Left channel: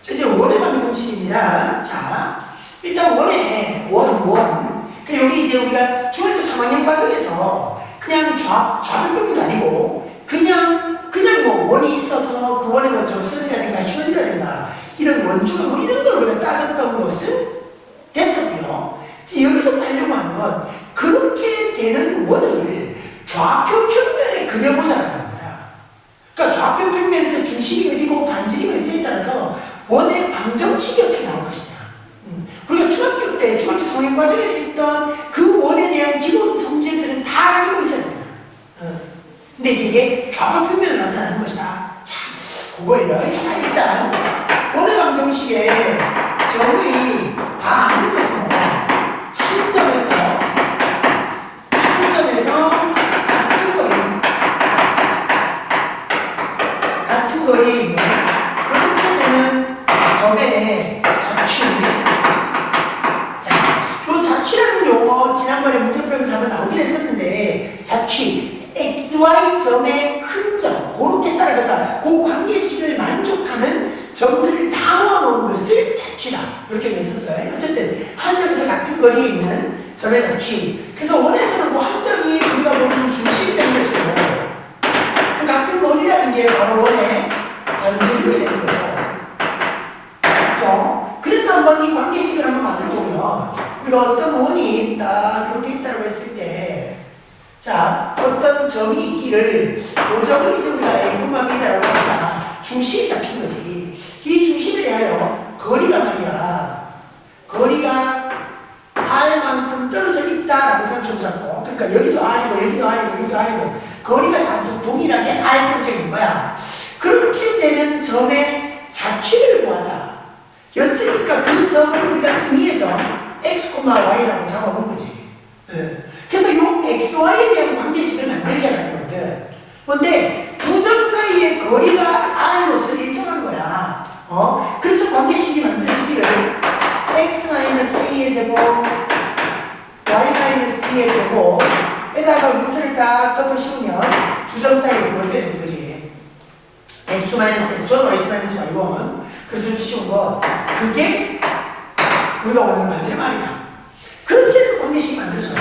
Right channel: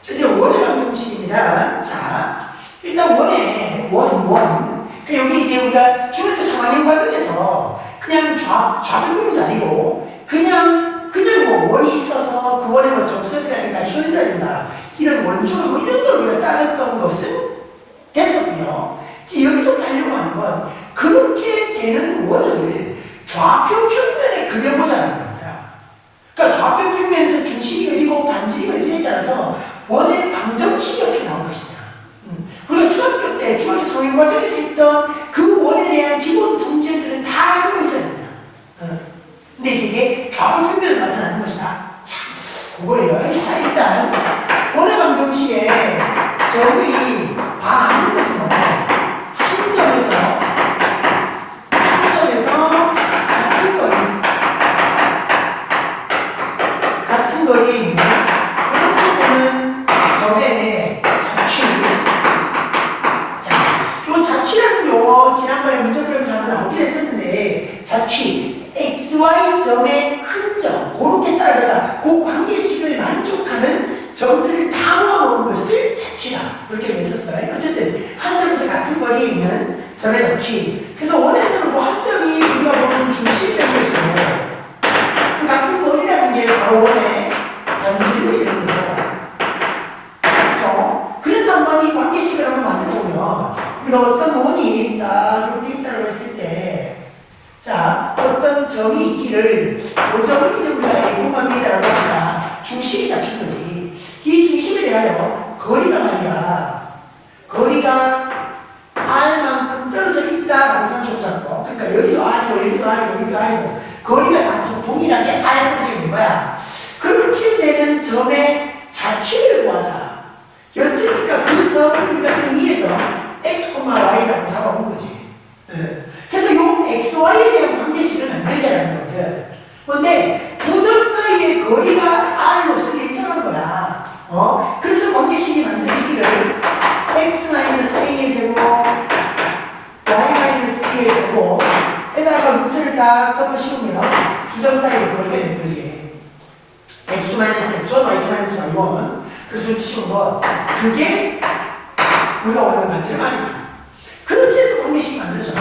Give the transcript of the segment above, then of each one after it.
자, 이제 원의 방정식입니다. 자, 일단 원. 그 여기 이제 우리가 중학교 3학년 과정에서 그냥 좌표표기도 아니고 그냥 뭐 원이 있어서 그 원의 뭐 접선이라든가 혈이라든가 이런 원주가 뭐 이런 걸 우리가 따졌던 것은 됐었고요. 이제 여기서 하려고 하는 건 그렇게 되는 원을 좌표 평면에 그려보자는 겁니다. 그러니까 좌표 평면에서 중심이 어디고 반지름이 어디에 따라서 원의 방정식이 어떻게 나올 것이냐. 우리가 중학교 3학년 과정에서 했던 그 원에 대한 기본 성질들은 다 가지고 있어야 됩니다. 근데 이제 이게 좌표 평면으로 나타나는 것이다. 자, 그거예요. 자, 일단 원의 방정식에 점이 다 아는 거지 뭐. 한 점에서 같은 거리에 있는 그렇게 되는 점의 자취. 자, 요 자취라는 용어 지난번에 문제 풀면서 한번 나오긴 했었는데 자취, XY 점의 흔적, 그렇게 따라가다 그 관계식을 만족하는 점들을 다 모아놓은 것을 자취다. 이렇게 했었어요. 어쨌든 한 점에서 같은 거리에 있는 점의 자취. 그래서 원에서는 뭐 한 점이 우리가 보는 중심이 되는 것이고 그 같은 거리라는 게 바로 원의 반지름이 되는 거죠. 그렇죠? 그래서 한번 이 관계식을 한번 만들어보면 우리가 어떤 원이 딱 이렇게 있다고 했을 때 자, 어떤 점이 있기를 그 점을 이 점과 A분만 B다라고 합시다. 중심이 잡힌 거지. 이 중심에 대하여 거리가 말이야. 거리가 R만큼 떨어져 있다라고 생각해보자고. 그러니까 여기도 R이고 여기도 R이고 여기도 R이고 거리가 다 동일하게 R 떨어져 있는 거야. 그렇게 되는 점의 자취를 구하자. 였으니까 그 점을 우리가 의미의 점 X, Y라고 잡아본 거지. 그래서 요 XY에 대한 관계식을 만들자라는 거거든. 근데 두 점 사이의 거리가 R로서 일정한 거야. 그래서 관계식이 만들어지기를 X-A의 제곱, Y-B의 제곱에다가 루트를 딱 덮어 씌우면 두 점 사이에 그렇게 되는 거지. X2-X1, Y2-Y1. 그래서 루트 씌운 거. 그게 우리가 원하는 반지름 R이다. 그렇게 해서 관계식이 만들어져요.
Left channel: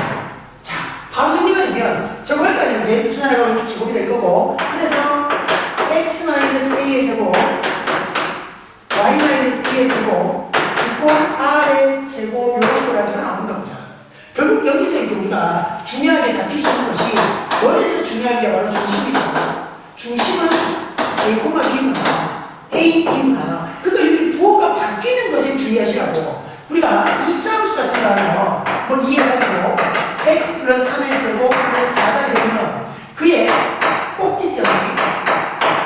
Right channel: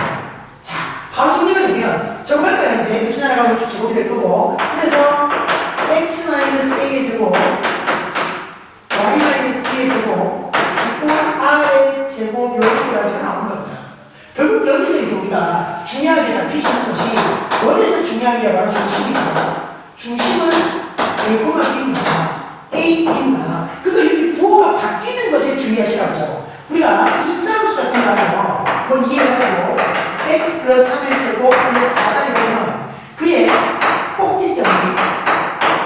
자, 바로 정리가 되면 저거가 이제 루트 하나가 루트 제곱이 될 거고 그래서 X-A의 제곱 Y-B의 제곱 R의 제곱 이런 거라지가 나오는 겁니다. 결국 여기서 이제 우리가 중요하게 잡히시는 것이 원에서 중요한 게 바로 중심이고 중심은 A, B입니다. A, B입니다. 그러니까 여기 부호가 바뀌는 것에 주의하시라고. 우리가 이차함수 같은 거 하면 뭐 이해가지고 x 플러스 3의 제곱 플러스 4가 되면 그의 꼭지점이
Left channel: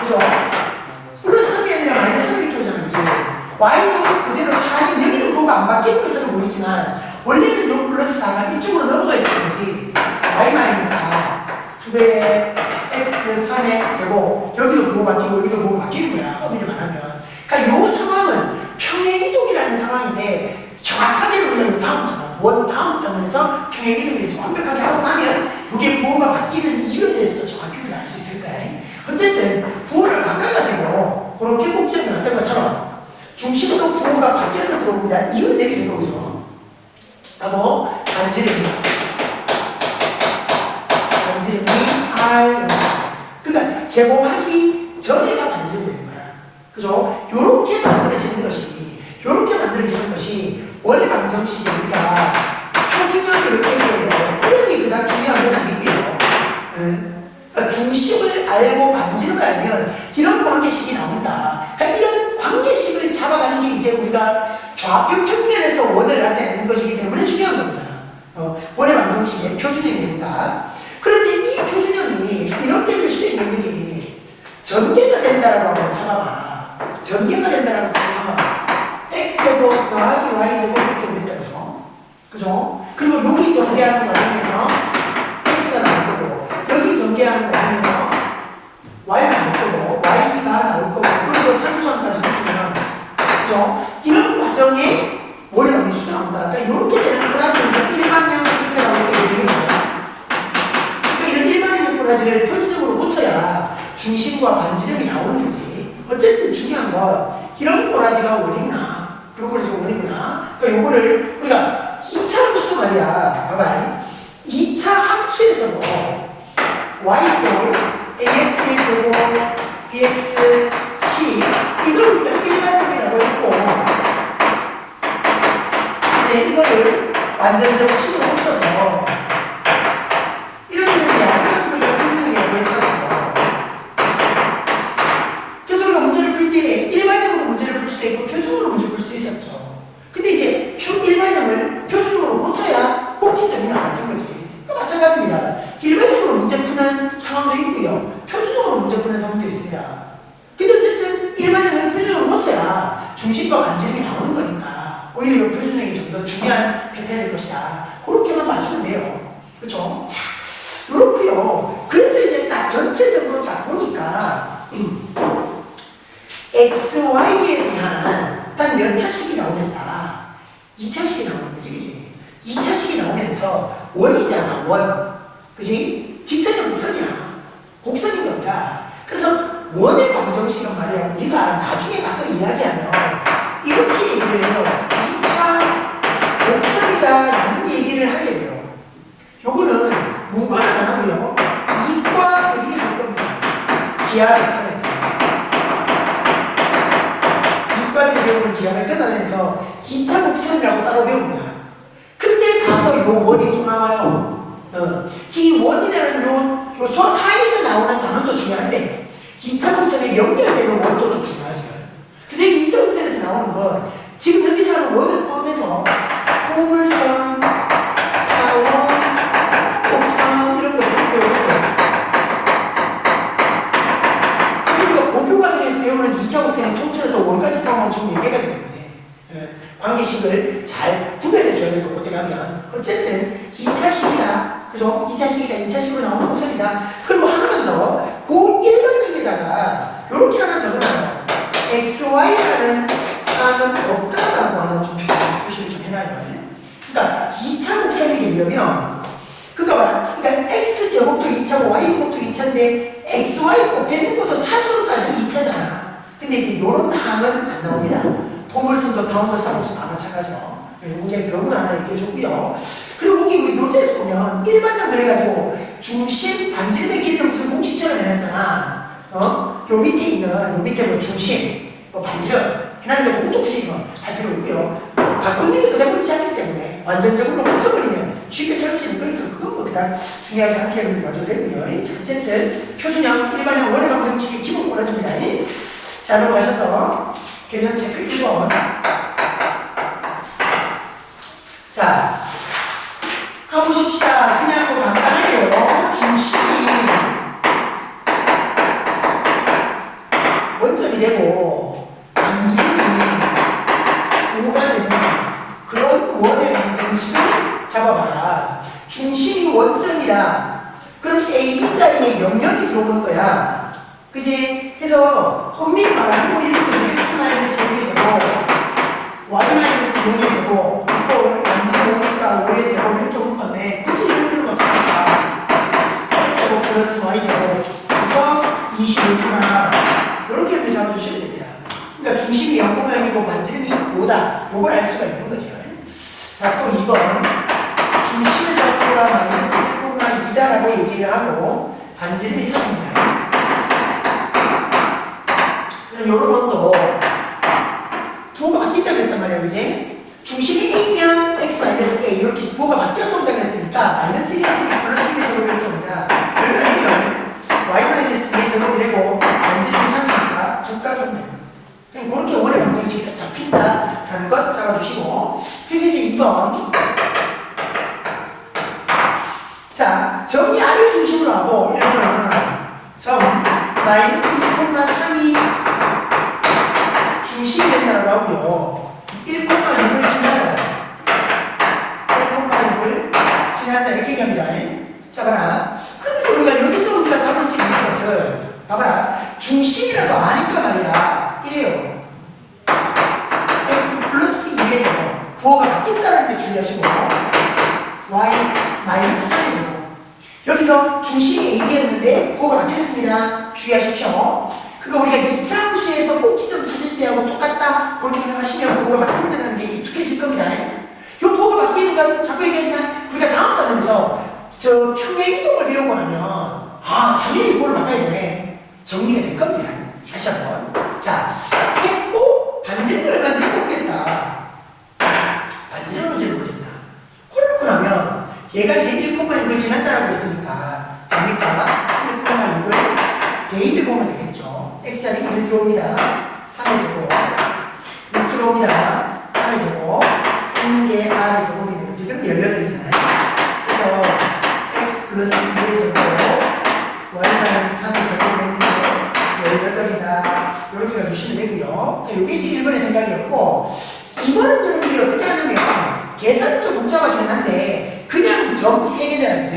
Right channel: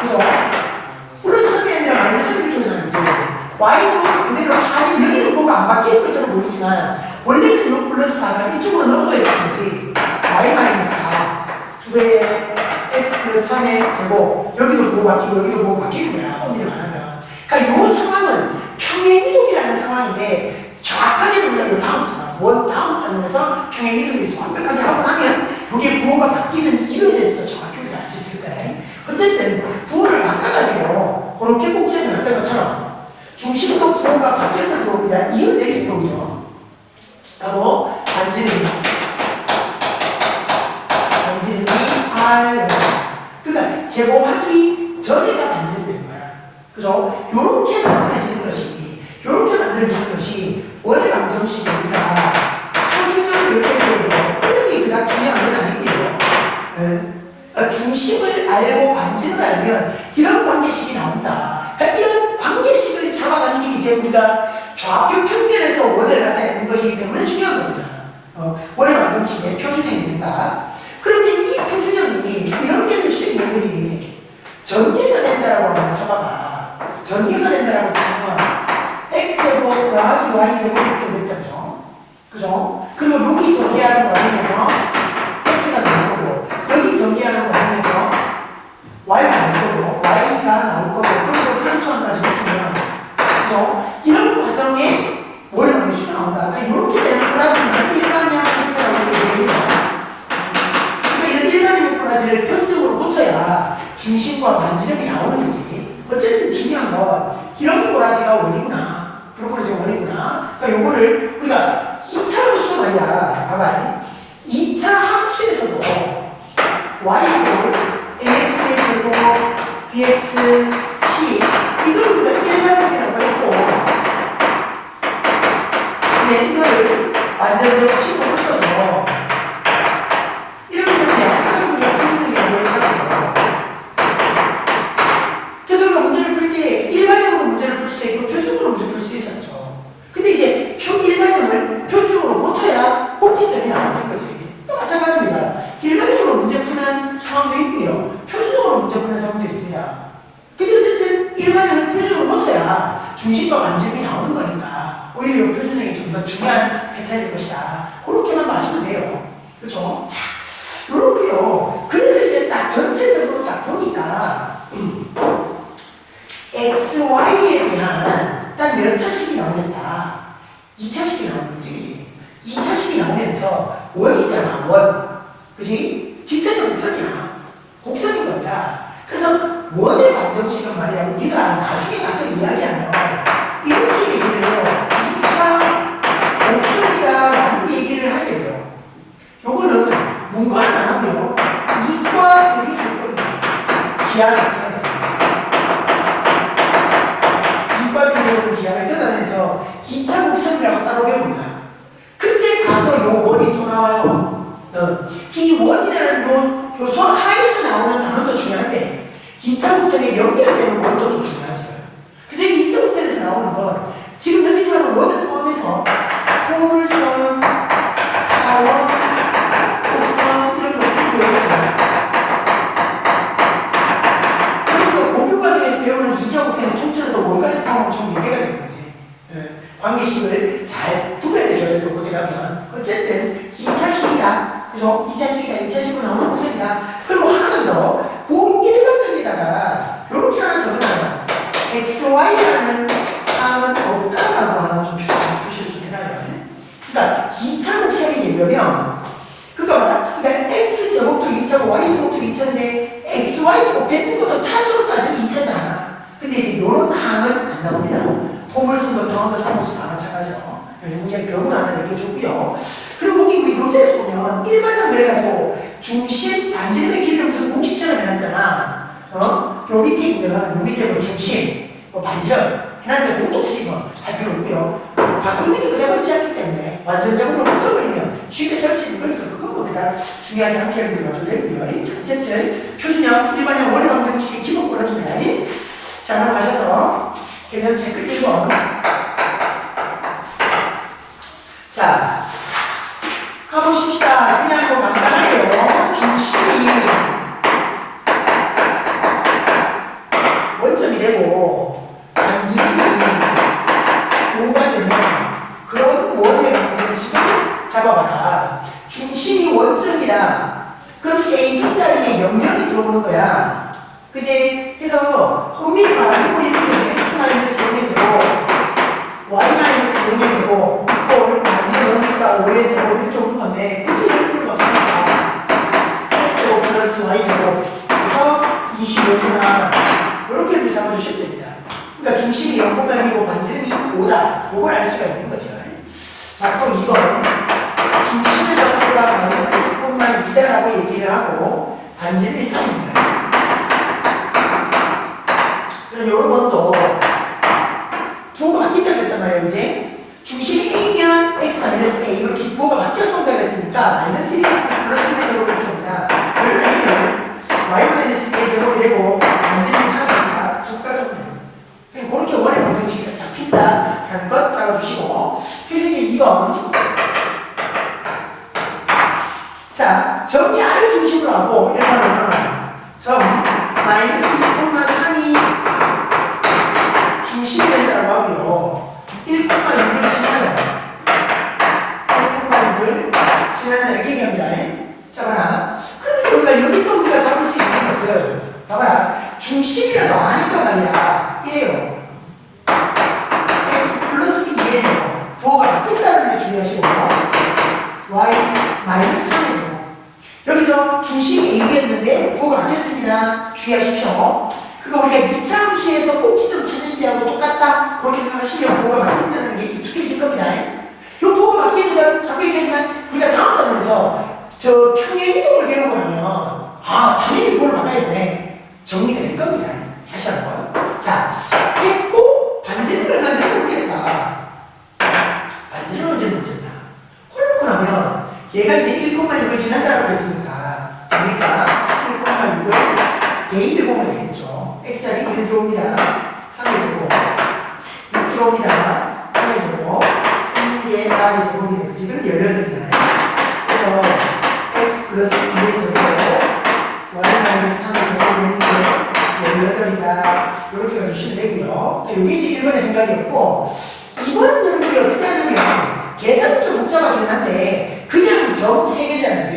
그죠? 플러스 3이 아니라 마이너스 3이 오잖아요. y도 그대로 4인 여기는 부호가 안 바뀌는 것처럼 보이지만 원래는 요 플러스 4가 이쪽으로 넘어가 있는 거지. y 마이너스 4 2배의 x 플러스 3의 제곱 여기도 부호 바뀌고 여기도 부호 바뀌는 거야. 의미를 말하면. 그러니까 요 상황은 평행이동이라는 상황인데 정확하게 우리가 원 다음 단원에서 평행이동에 대해서 완벽하게 하고 나면 이게 부호가 바뀌는 이유에 대해서도 정확히 우리가 알 수 있을 거예요. 어쨌든 부호를 바꿔가지고 그렇게 꼭지에 나왔던 것처럼 중심도 부호가 바뀌어서 들어옵니다. 이유는 내리는 거죠. 하고 반지름이 R 그러니까 제곱하기 전에가 반지름 되는 거야. 그죠? 요렇게 만들어지는 것이 원의 방정식이 우리가 표준형 이렇게 얘기해요. 이름이 그닥 중요한 건 아니고요. 그러니까 중심을 알고 반지름을 알면 이런 관계식이 나온다. 그러니까 이런 관계식을 잡아가는 게 이제 우리가 좌표 평면에서 원을 나타내는 것이기 때문에 중요한 겁니다. 원의 방정식의 표준형이 생각. 그런데 이 표준형이 이렇게 될 수도 있는 거지. 전개가 된다라고 한번 잡아봐. 전개가 된다라고 치면 x제곱 더하기 y제곱 이렇게 됐다. 그죠? 그리고 여기 전개하는 과정에서 x가 나올 거고 여기 전개하는 과정에서 y가 나올 거고 y가 나올 거고 그리고 상수항까지 붙으면 그죠? 이런 과정에 원의 방정식도 나온다. 그러니까 이렇게 되는 꼬라지는 일반형 형태라고 얘기해요. 그러니까 이런 일반형 꼬라지를 표준형으로 고쳐야 중심과 반지름이 나오는 거지. 어쨌든 중요한 건 이런 꼬라지가 X가 원이구나. 그런 거는 원이구나. 그러니까 요거를 우리가 2차 함수도 말이야. 봐봐. 2차 함수에서도 y 꼴 ax의 제곱 bx c 이걸 우리가 일반적이라고 했고 이제 이거를 완전적 식으로 써서 이렇게 되면 양변 우리가 표준형이라고 해가지고 그래서 우리가 문제를 풀 때 일반형으로 문제를 풀 수도 있고 표준으로 문제 풀 수 있었죠. 근데 이제 일반형을 표준으로 고쳐야 꼭지점이 나오는 거지. 마찬가지입니다. 일반적으로 문제 푸는 상황도 있고요. 표준적으로 문제 푸는 상황도 있습니다. 근데 어쨌든 일반적인 표준적으로 고쳐야 중심과 반지름이 나오는 거니까 오히려 표준적이 좀 더 중요한 패턴일 것이다. 그렇게만 봐주면 돼요. 그렇죠? 자, 그렇고요. 그래서 이제 딱 전체적으로 딱 보니까 x, y에 대한 딱 몇 차식이 나오겠다. 2차식이 나오는 거지, 그지? 2차식이 나오면서 원이잖아, 원. 그지? 직선이 곡선이야. 곡선인 겁니다. 그래서 원의 방정식은 말이야, 우리가 나중에 가서 이야기하면 이렇게 얘기를 해요. 2차 곡선이다 라는 얘기를 하게 돼요. 요거는 문과는 안 하고요. 이과들이 할 겁니다. 기하 벡터에서. 이과들이 배우는 기하 벡터에서 2차 곡선이라고 따로 배웁니다. 그때 가서 요 원이 또 나와요. 이 원이라는 요 수학 하에서 나오는 단어도 중요한데 2차 곡선에 연결되는 원도 또 중요하죠. 그래서 이 2차 곡선에서 나오는 건 지금 여기서 하는 원을 포함해서 포물선, 타원, 곡선 이런 거 배우는 거예요. 그러니까 고교 과정에서 배우는 2차 곡선을 통틀어서 원까지 포함하면 좀 얘기가 되는 거지. 관계식을 잘 구별해줘야 될 것 같아 가면 어쨌든 2차식이다. 그죠? 2차식이다. 2차식으로 나오는 곡선이다. 그리고 하나만 더. 그 일반적에다가 이렇게 하나 적어놔요. XY라는 항은 없다라고 하는 좀 표시를 좀 해놔요. 그러니까 2차 곡선이 되려면 그러니까 X제곱도 2차고 Y제곱도 2차인데 XY 곱했는 것도 차수로 따지면 2차잖아. 근데 이제 이런 항은 안 나옵니다. 포물선도 타원도 사무소 다 마찬가지죠. 여기 경을 하나 얘기해줬고요. 그리고 거기 우리 교재에서 보면 일반형 그래가지고 중심, 반지름의 길이를 무슨 공식처럼 해놨잖아. 요 밑에 있는 요 밑에 뭐 중심, 뭐 반지름 해놨는데 그것도 굳이 이거 할 필요 없고요. 바꾸는 게 그냥 그렇지 않기 때문에 완전적으로 고쳐버리면 쉽게 설 수 있는 거니까 그건 뭐 그다음 중요하지 않게 하는 거 가져도 되고요. 어쨌든 표준형, 일반형, 원의 방정식의 기본 골라줍니다. 자, 넘어가셔서 개념 체크 1번. 자, 가보십시다. 그냥 뭐 간단하게요. 중심이 원점이 되고 반지름이 5가 되는 그런 원의 방정식을 잡아봐라. 중심이 원점이다. 그럼 A, B 자리에 0,0이 들어오는 거야. 그지? 그래서 엄밀히 말하면 뭐 이렇게 X-0의 제곱 Y-0의 제곱 이꼴 반지름 5니까 5의 제곱 이렇게 오는 건데 굳이 이럴 필요가 없으니까 X제곱 플러스 Y제곱 그래서 25구나 이렇게 이렇게 잡아주시면 됩니다. 그러니까 중심이 0,0이고 반지름이 5다 요걸 알 수가 있는 거죠. 자, 또 2번 중심의 적도가 마이너스 1,2다라고 얘기를 하고 반지름이 3입니다. 그럼 요런 것도 부호가 바뀐다고 했단 말이에요. 그지? 중심이 A면 X-A 이렇게 부호가 바뀌어서 온다고 했으니까 마이너스 1에서 플러스 1의 제곱이 이렇게 옵니다. 그러면 Y-2의 제곱이 되고 반지름이 3이니까 9가 좀 됩니다. 그냥 그렇게 원의 방정식이 잡힌다라는 것 잡아주시고 그래서 이제 2번 자, 점이 R을 중심으로 하고 1번은 점 마이너스 2,3이 중심이 된다고 하고요. 1,6을 지나요. 1,6을 지난다 이렇게 얘기합니다. 자, 봐라. 그럼 우리가 여기서 우리가 잡을 수 있는 것을 봐봐라. 중심이라도 아니까 말이야. 이래요. X 플러스 2의 제곱. 부호가 바뀐다는 게 중요하시고 Y 마이너스 3의 제곱. 여기서 중심이 A였는데 부호가 바뀌었습니다. 주의하십시오. 그거 우리가 2차 함수에서 꼭지점 찾을 때하고 똑같다. 그렇게 우리가 자꾸 얘기하지만 우리가 다음 단원에서 저 평행이동을 배우고 나면 당연히 그걸 바꿔야 되네. 정리가 될 겁니다. 다시 한번. 자, 했고 반지는 얼마인지 모르겠다. 반지는 언제 모르겠다. 그렇고 나면 얘가 이제 1,6을 지난다라고 했으니까 그러니까 1,6을 대입해 보면 되겠죠. x자리 1 들어옵니다. 3의 제곱 6 들어옵니다. 3의 제곱 있는 게 r의 제곱이 되고 지금 18이잖아요. 그래서 x 플러스 2의 제곱 y 마이너스 3의 제곱이 되는데 18이다. 이렇게 해주시면 되고요. 이게 이제 1번의 생각이었고 2번은 여러분들이 어떻게 하냐면 계산은 좀 복잡하긴 한데 그냥 점 3개잖아요. 그치?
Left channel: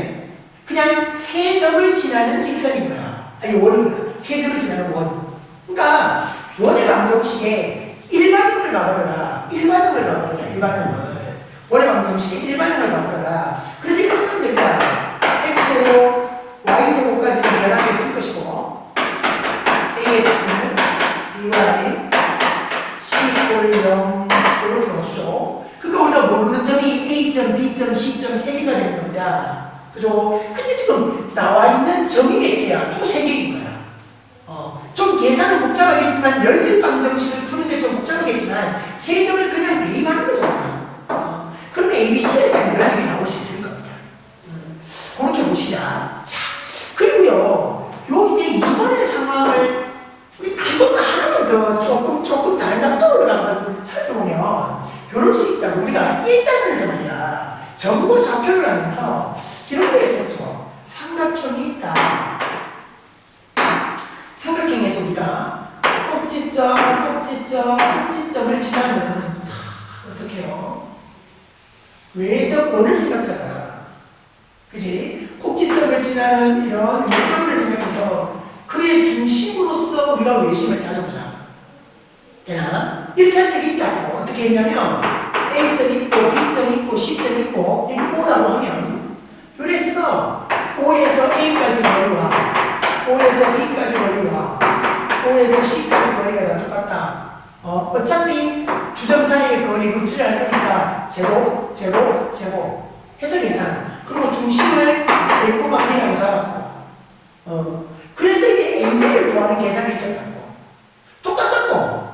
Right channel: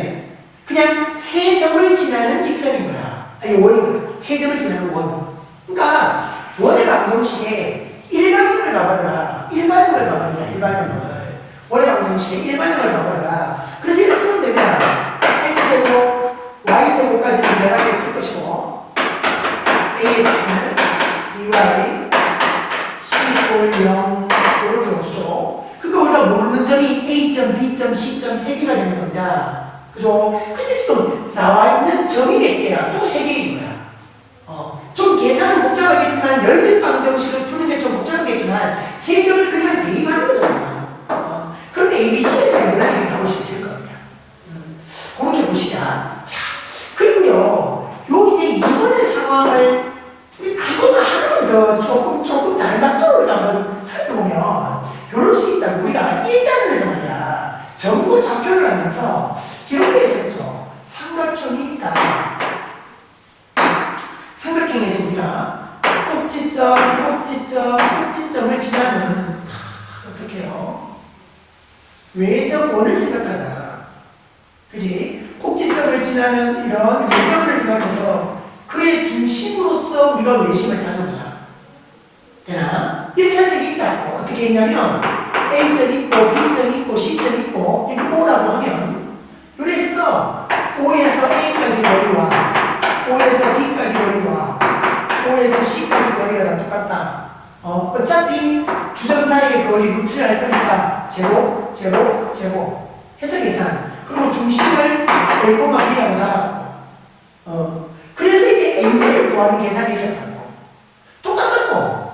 그냥 3점을 지나는 직선인 거야. 아니 원인 거야. 3점을 지나는 원. 그러니까 원의 방정식에 일반형을 가버려라. 일반형을. 원의 방정식에 일반형을 가버려라. 그래서 이렇게 하면 됩니다. x제곱, y제곱까지는 변하게 쓸 것이고 ax는 by c 꼴 0 이렇게 와주죠. 그러니까 우리가 모르는 점이 A점, B점, C점 3개가 되는 겁니다. 그죠? 근데 지금 나와 있는 점이 몇 개야? 또 3개인 거야. 좀 계산은 복잡하겠지만 연립 방정식을 푸는데 좀 복잡하겠지만 3점을 그냥 대입하는 거잖아. 그럼 ABC에 대한 연립이 나올 수 있을 겁니다. 그렇게 보시자. 자, 그리고요. 요 이제 2번의 상황을 우리 이거만 하나만 더 조금 다른 각도로 한번 살펴보면 이럴 수 있다고. 우리가 1단원에서 말이야 점과 좌표를 하면서 이런 거 했었죠. 삼각형이 있다. 삼각형에서 우리가 꼭지점을 지나는 어떻게 해요? 외접원을 생각하자. 그지? 꼭지점을 지나는 이런 외접원을 생각해서 그의 중심으로서 우리가 외심을 따져보자. 되나? 이렇게 한 적이 있다고. 어떻게 했냐면 A점 있고 B점 있고 C점 있고 여기 O라고 하면 그래서 O에서 A까지 거리와 O에서 B까지 거리와 O에서 C까지 거리가 다 똑같다. 어차피 두 점 사이의 거리 루트를 할 거니까 제곱 해서 계산. 그리고 중심을 A고마 B라고 잡았고 그래서 이제 A를 구하는 계산이 있었다고. 똑같았고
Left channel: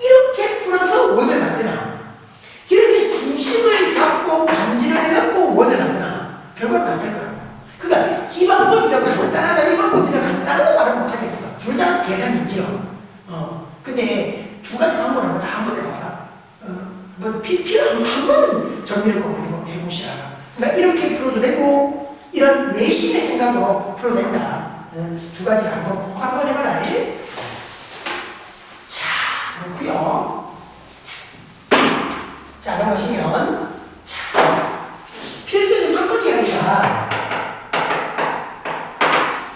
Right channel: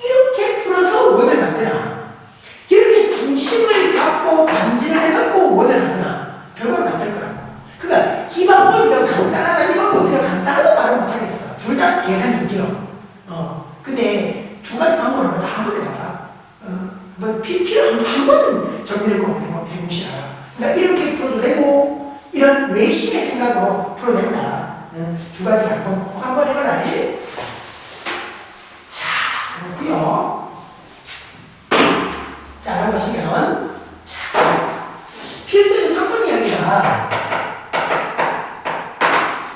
이렇게 풀어서 원을 만드나 이렇게 중심을 잡고 반지를 해갖고 원을 만드나 결과를 만들 거라고. 그러니까 이 방법이 더 간단하다 이 방법이 더 간단하다 말을 못하겠어. 둘 다 계산이 힘들어. 근데 두 가지 방법을 다 한 번에 다 봐. 뭐 필요한 한 번은 정리를 꼭 해보시라. 그러니까 이렇게 풀어도 되고 이런 외심의 생각으로 풀어도 된다. 두 가지 꼭 한 번 해봐라. 자, 그렇고요. 자, 그럼 보시면 필수의 3번 이야기가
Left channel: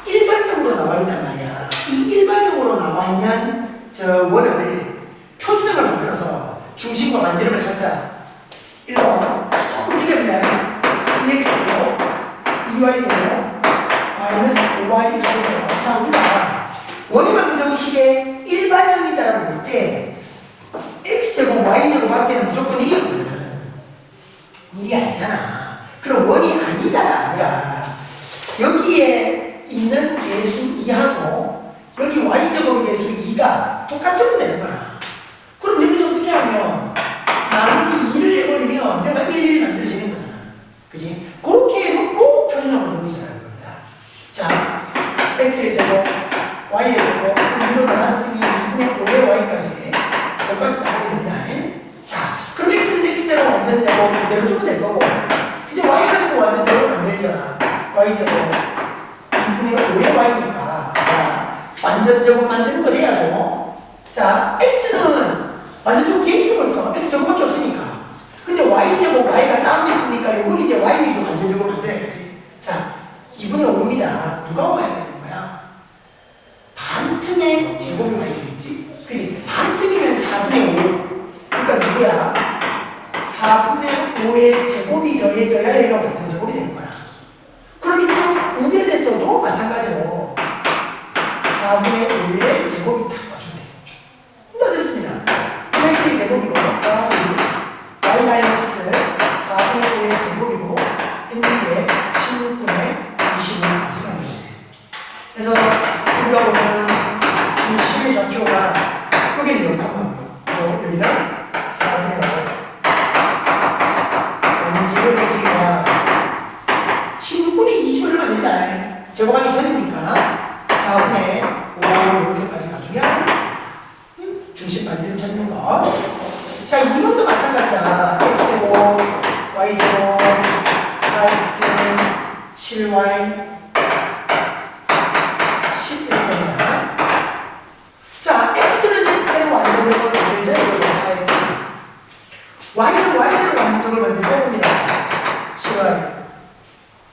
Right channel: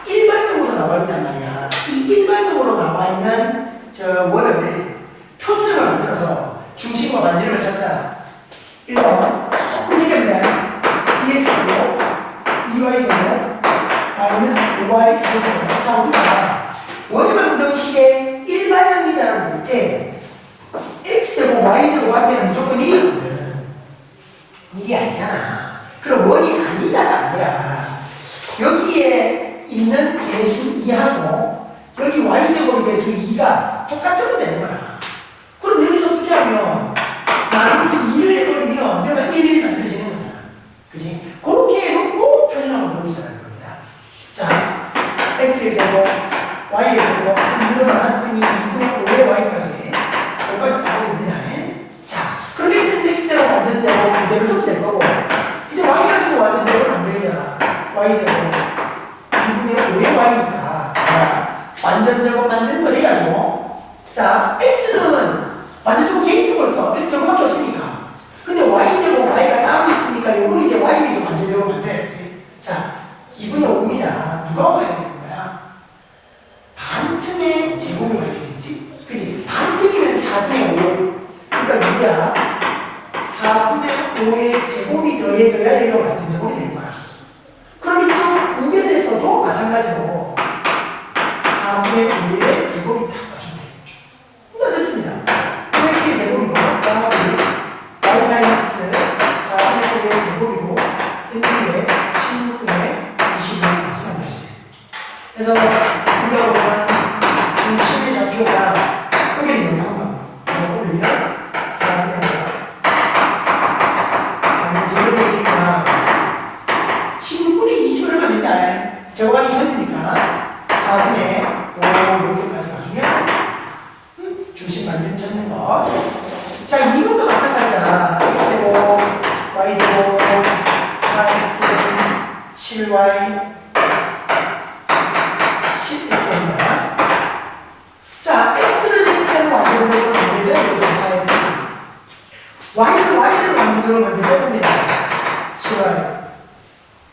일반적으로 나와 있단 말이야. 이 일반적으로 나와 있는 저 원을 표준형을 만들어서 중심과 반지름을 찾자. 1번 조금 틀렸네. 2x고 2y제곱 마이너스 5y 제곱. 자, 우리가 원의 방정식의 일반형이다라고 볼 때 x제곱 y제곱 앞에는 무조건 1이거든. 1이 아니잖아. 그럼 원이 아니다가 아니라 여기에 있는 개수 2하고 여기 y제곱 개수 2가 똑같으면 되는 거야. 그럼 여기서 어떻게 하면 나누기 2를 해버리면 내가 1 만들어지는 거잖아. 그지? 그렇게 해놓고 표준형을 넣으시라는 겁니다. 자, x의 제곱, y의 제곱, 이로 나눴으니 2분의 5의 y까지 여기까지 다 하게 됩니다. 자, 그럼 x는 x대로 완전 제곱 그대로 둬도 될 거고 이제 y 가지고 완전 제곱을 만들잖아. y 제곱 2분의 5의 y니까 완전 제곱 만드는 거 돼야죠. 자, x는 완전 제곱 돼 있어 벌써. x 제곱밖에 없으니까. 근데 y제곱 y가 따로 있으니까 이건 이제 y는 완전 제곱 만들어야지. 자, 2분의 5입니다. 누가 와야 되는 거야? 반틈의 제곱이 와야 되겠지? 그치? 반틈이면 4분의 5. 그러니까 누구야? 4분의 5의 제곱이 더해져야 얘가 완전 제곱이 되는 거야. 그럼 이쪽 우변에서도 마찬가지로 4분의 5의 제곱이 다 와주면 되겠죠. 다 됐습니다. x의 제곱이고 y 마이너스 4분의 5의 제곱이니까 여기는 0,5고요. 여기는 4분의 5. 제곱의 길이가 16분의 20을 넣으면 된다. 제곱하기 선이니까 4분의 5 이렇게까지 가주면 중심 반지름 찾는 거. 자, 이것도 마찬가지야. x제곱, y제곱, 4x, 7y, 10 이렇게 합니다. 자, x는 x대로 완전적으로 만들죠. 이거죠. 4x. y는 y대로 완전적으로 만들죠. 이겁니다. 7y.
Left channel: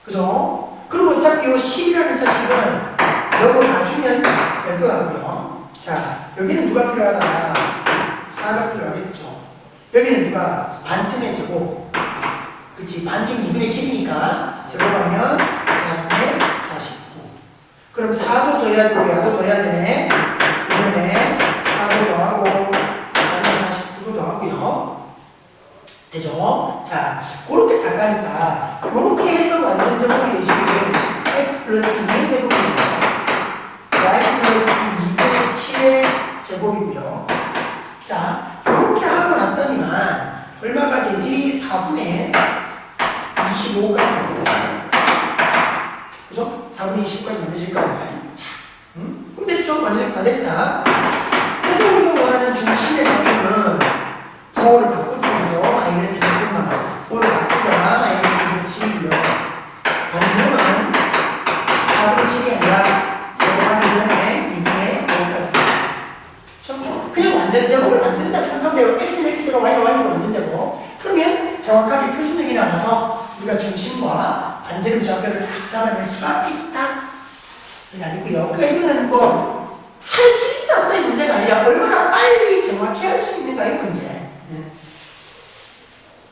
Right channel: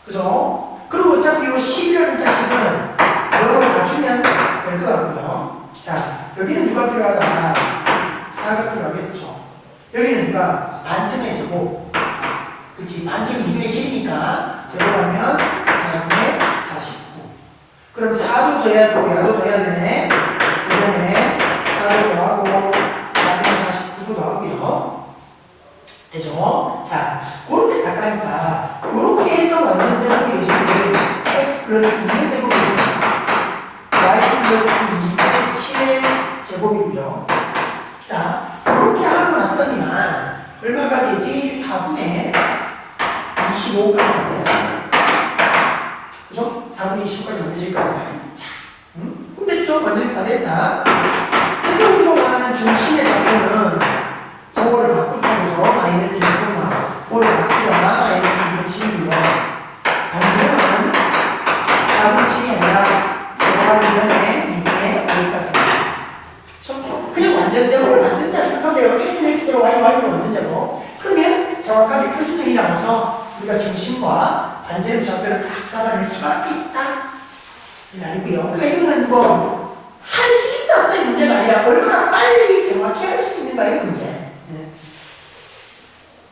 그죠? 그리고 어차피 이 10이라는 자식은 이걸 놔주면 될 것 같고요. 자, 여기는 누가 필요하다? 4가 필요하겠죠. 여기는 누가? 반틈의 제곱. 그치? 반틈이 2분의 7이니까 제곱하면 4분의 49. 그럼 4도 더해야 되고 야도 더해야 되네. 이번에 4도 더하고 4분의 49도 더하고요. 되죠? 자, 그렇게 닦아니까 그렇게 해서 완전 제곱이 되시면 x 플러스 2의 제곱입니다. y 플러스 2분의 7의 제곱이고요. 자, 이렇게 하고 났더니만 얼마가 되지? 4분의 25까지 만들어집니다. 그죠? 4분의 25까지 만드실 겁니다. 자, 그럼 됐죠? 완전히 다 됐다. 그래서 우리가 원하는 중심의 좌표는 도를 바꾼 차이죠. 마이너스 2분만 도를 바꾸자. 마이너스 2분의 7이고요. 반지름은 4분의 7이 아니라 제곱하기 전에 2분의 5까지. 그냥 완전 제곱을 만든다 생각하면 돼요. x는 x로 y는 y로 완전 제곱. 그러면 정확하게 표준들이 나와서 우리가 중심과 반지름 좌표를 딱 잡아낼 수가 있다. 이게 아니고요. 그러니까 이거는 뭐 할 수 있다 없다 이 문제가 아니라 얼마나 빨리 정확히 할 수 있는가의 문제. 네.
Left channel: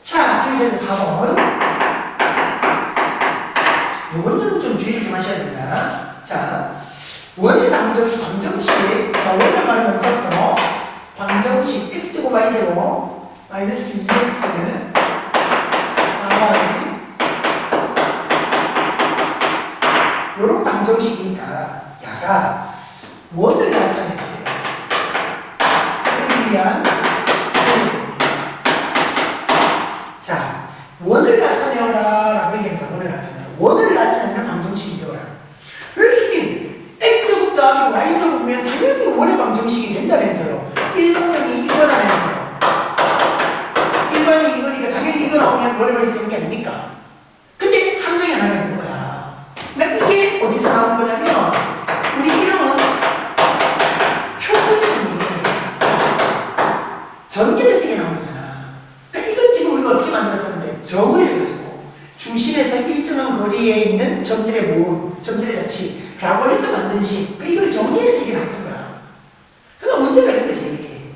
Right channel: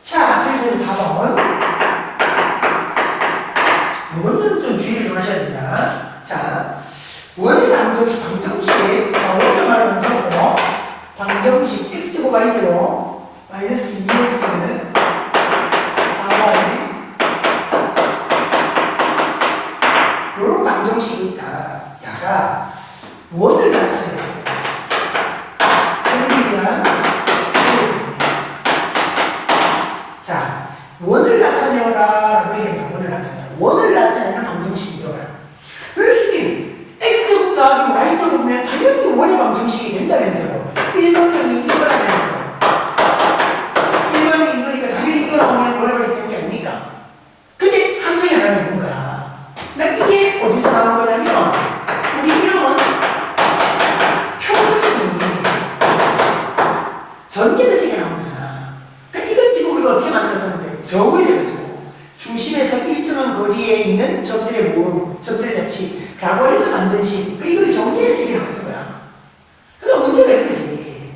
자, 그래서 4번. 요건 좀 주의를 좀 하셔야 됩니다. 자, 원의 방정식. 자, 원의 말은 언제부터? 방정식 x고 y제로 마이너스 2x 4y 요런 방정식이 있다. 야가 원을 나타내세요. 그러기 위한 자, 원을 나타내어라 라고 얘기합니다. 원을 나타내는 방정식이더라. 교수님, x제곱 더하기 y제곱이면 당연히 원의 방정식이 된다면서요. 일반적인 이거라면서요. 일반적인 이거니까 당연히 이거 나오면 원의 방정식이 되는 게 아닙니까? 근데 함정이 하나 있는 거야. 그러니까 이게 어디서 나온 거냐면 우리 이름은 표준이 전개돼서 이게 나온 거잖아. 그러니까 이건 지금 우리가 어떻게 만들었었는데 정을 해가지고 중심에서 일정한 거리에 있는 점들의 모음, 점들의 자치라고 해서 만든 식. 그러니까 이걸 정리해서 이게 나온 거야. 그러니까 문제가 있는 거지 이게.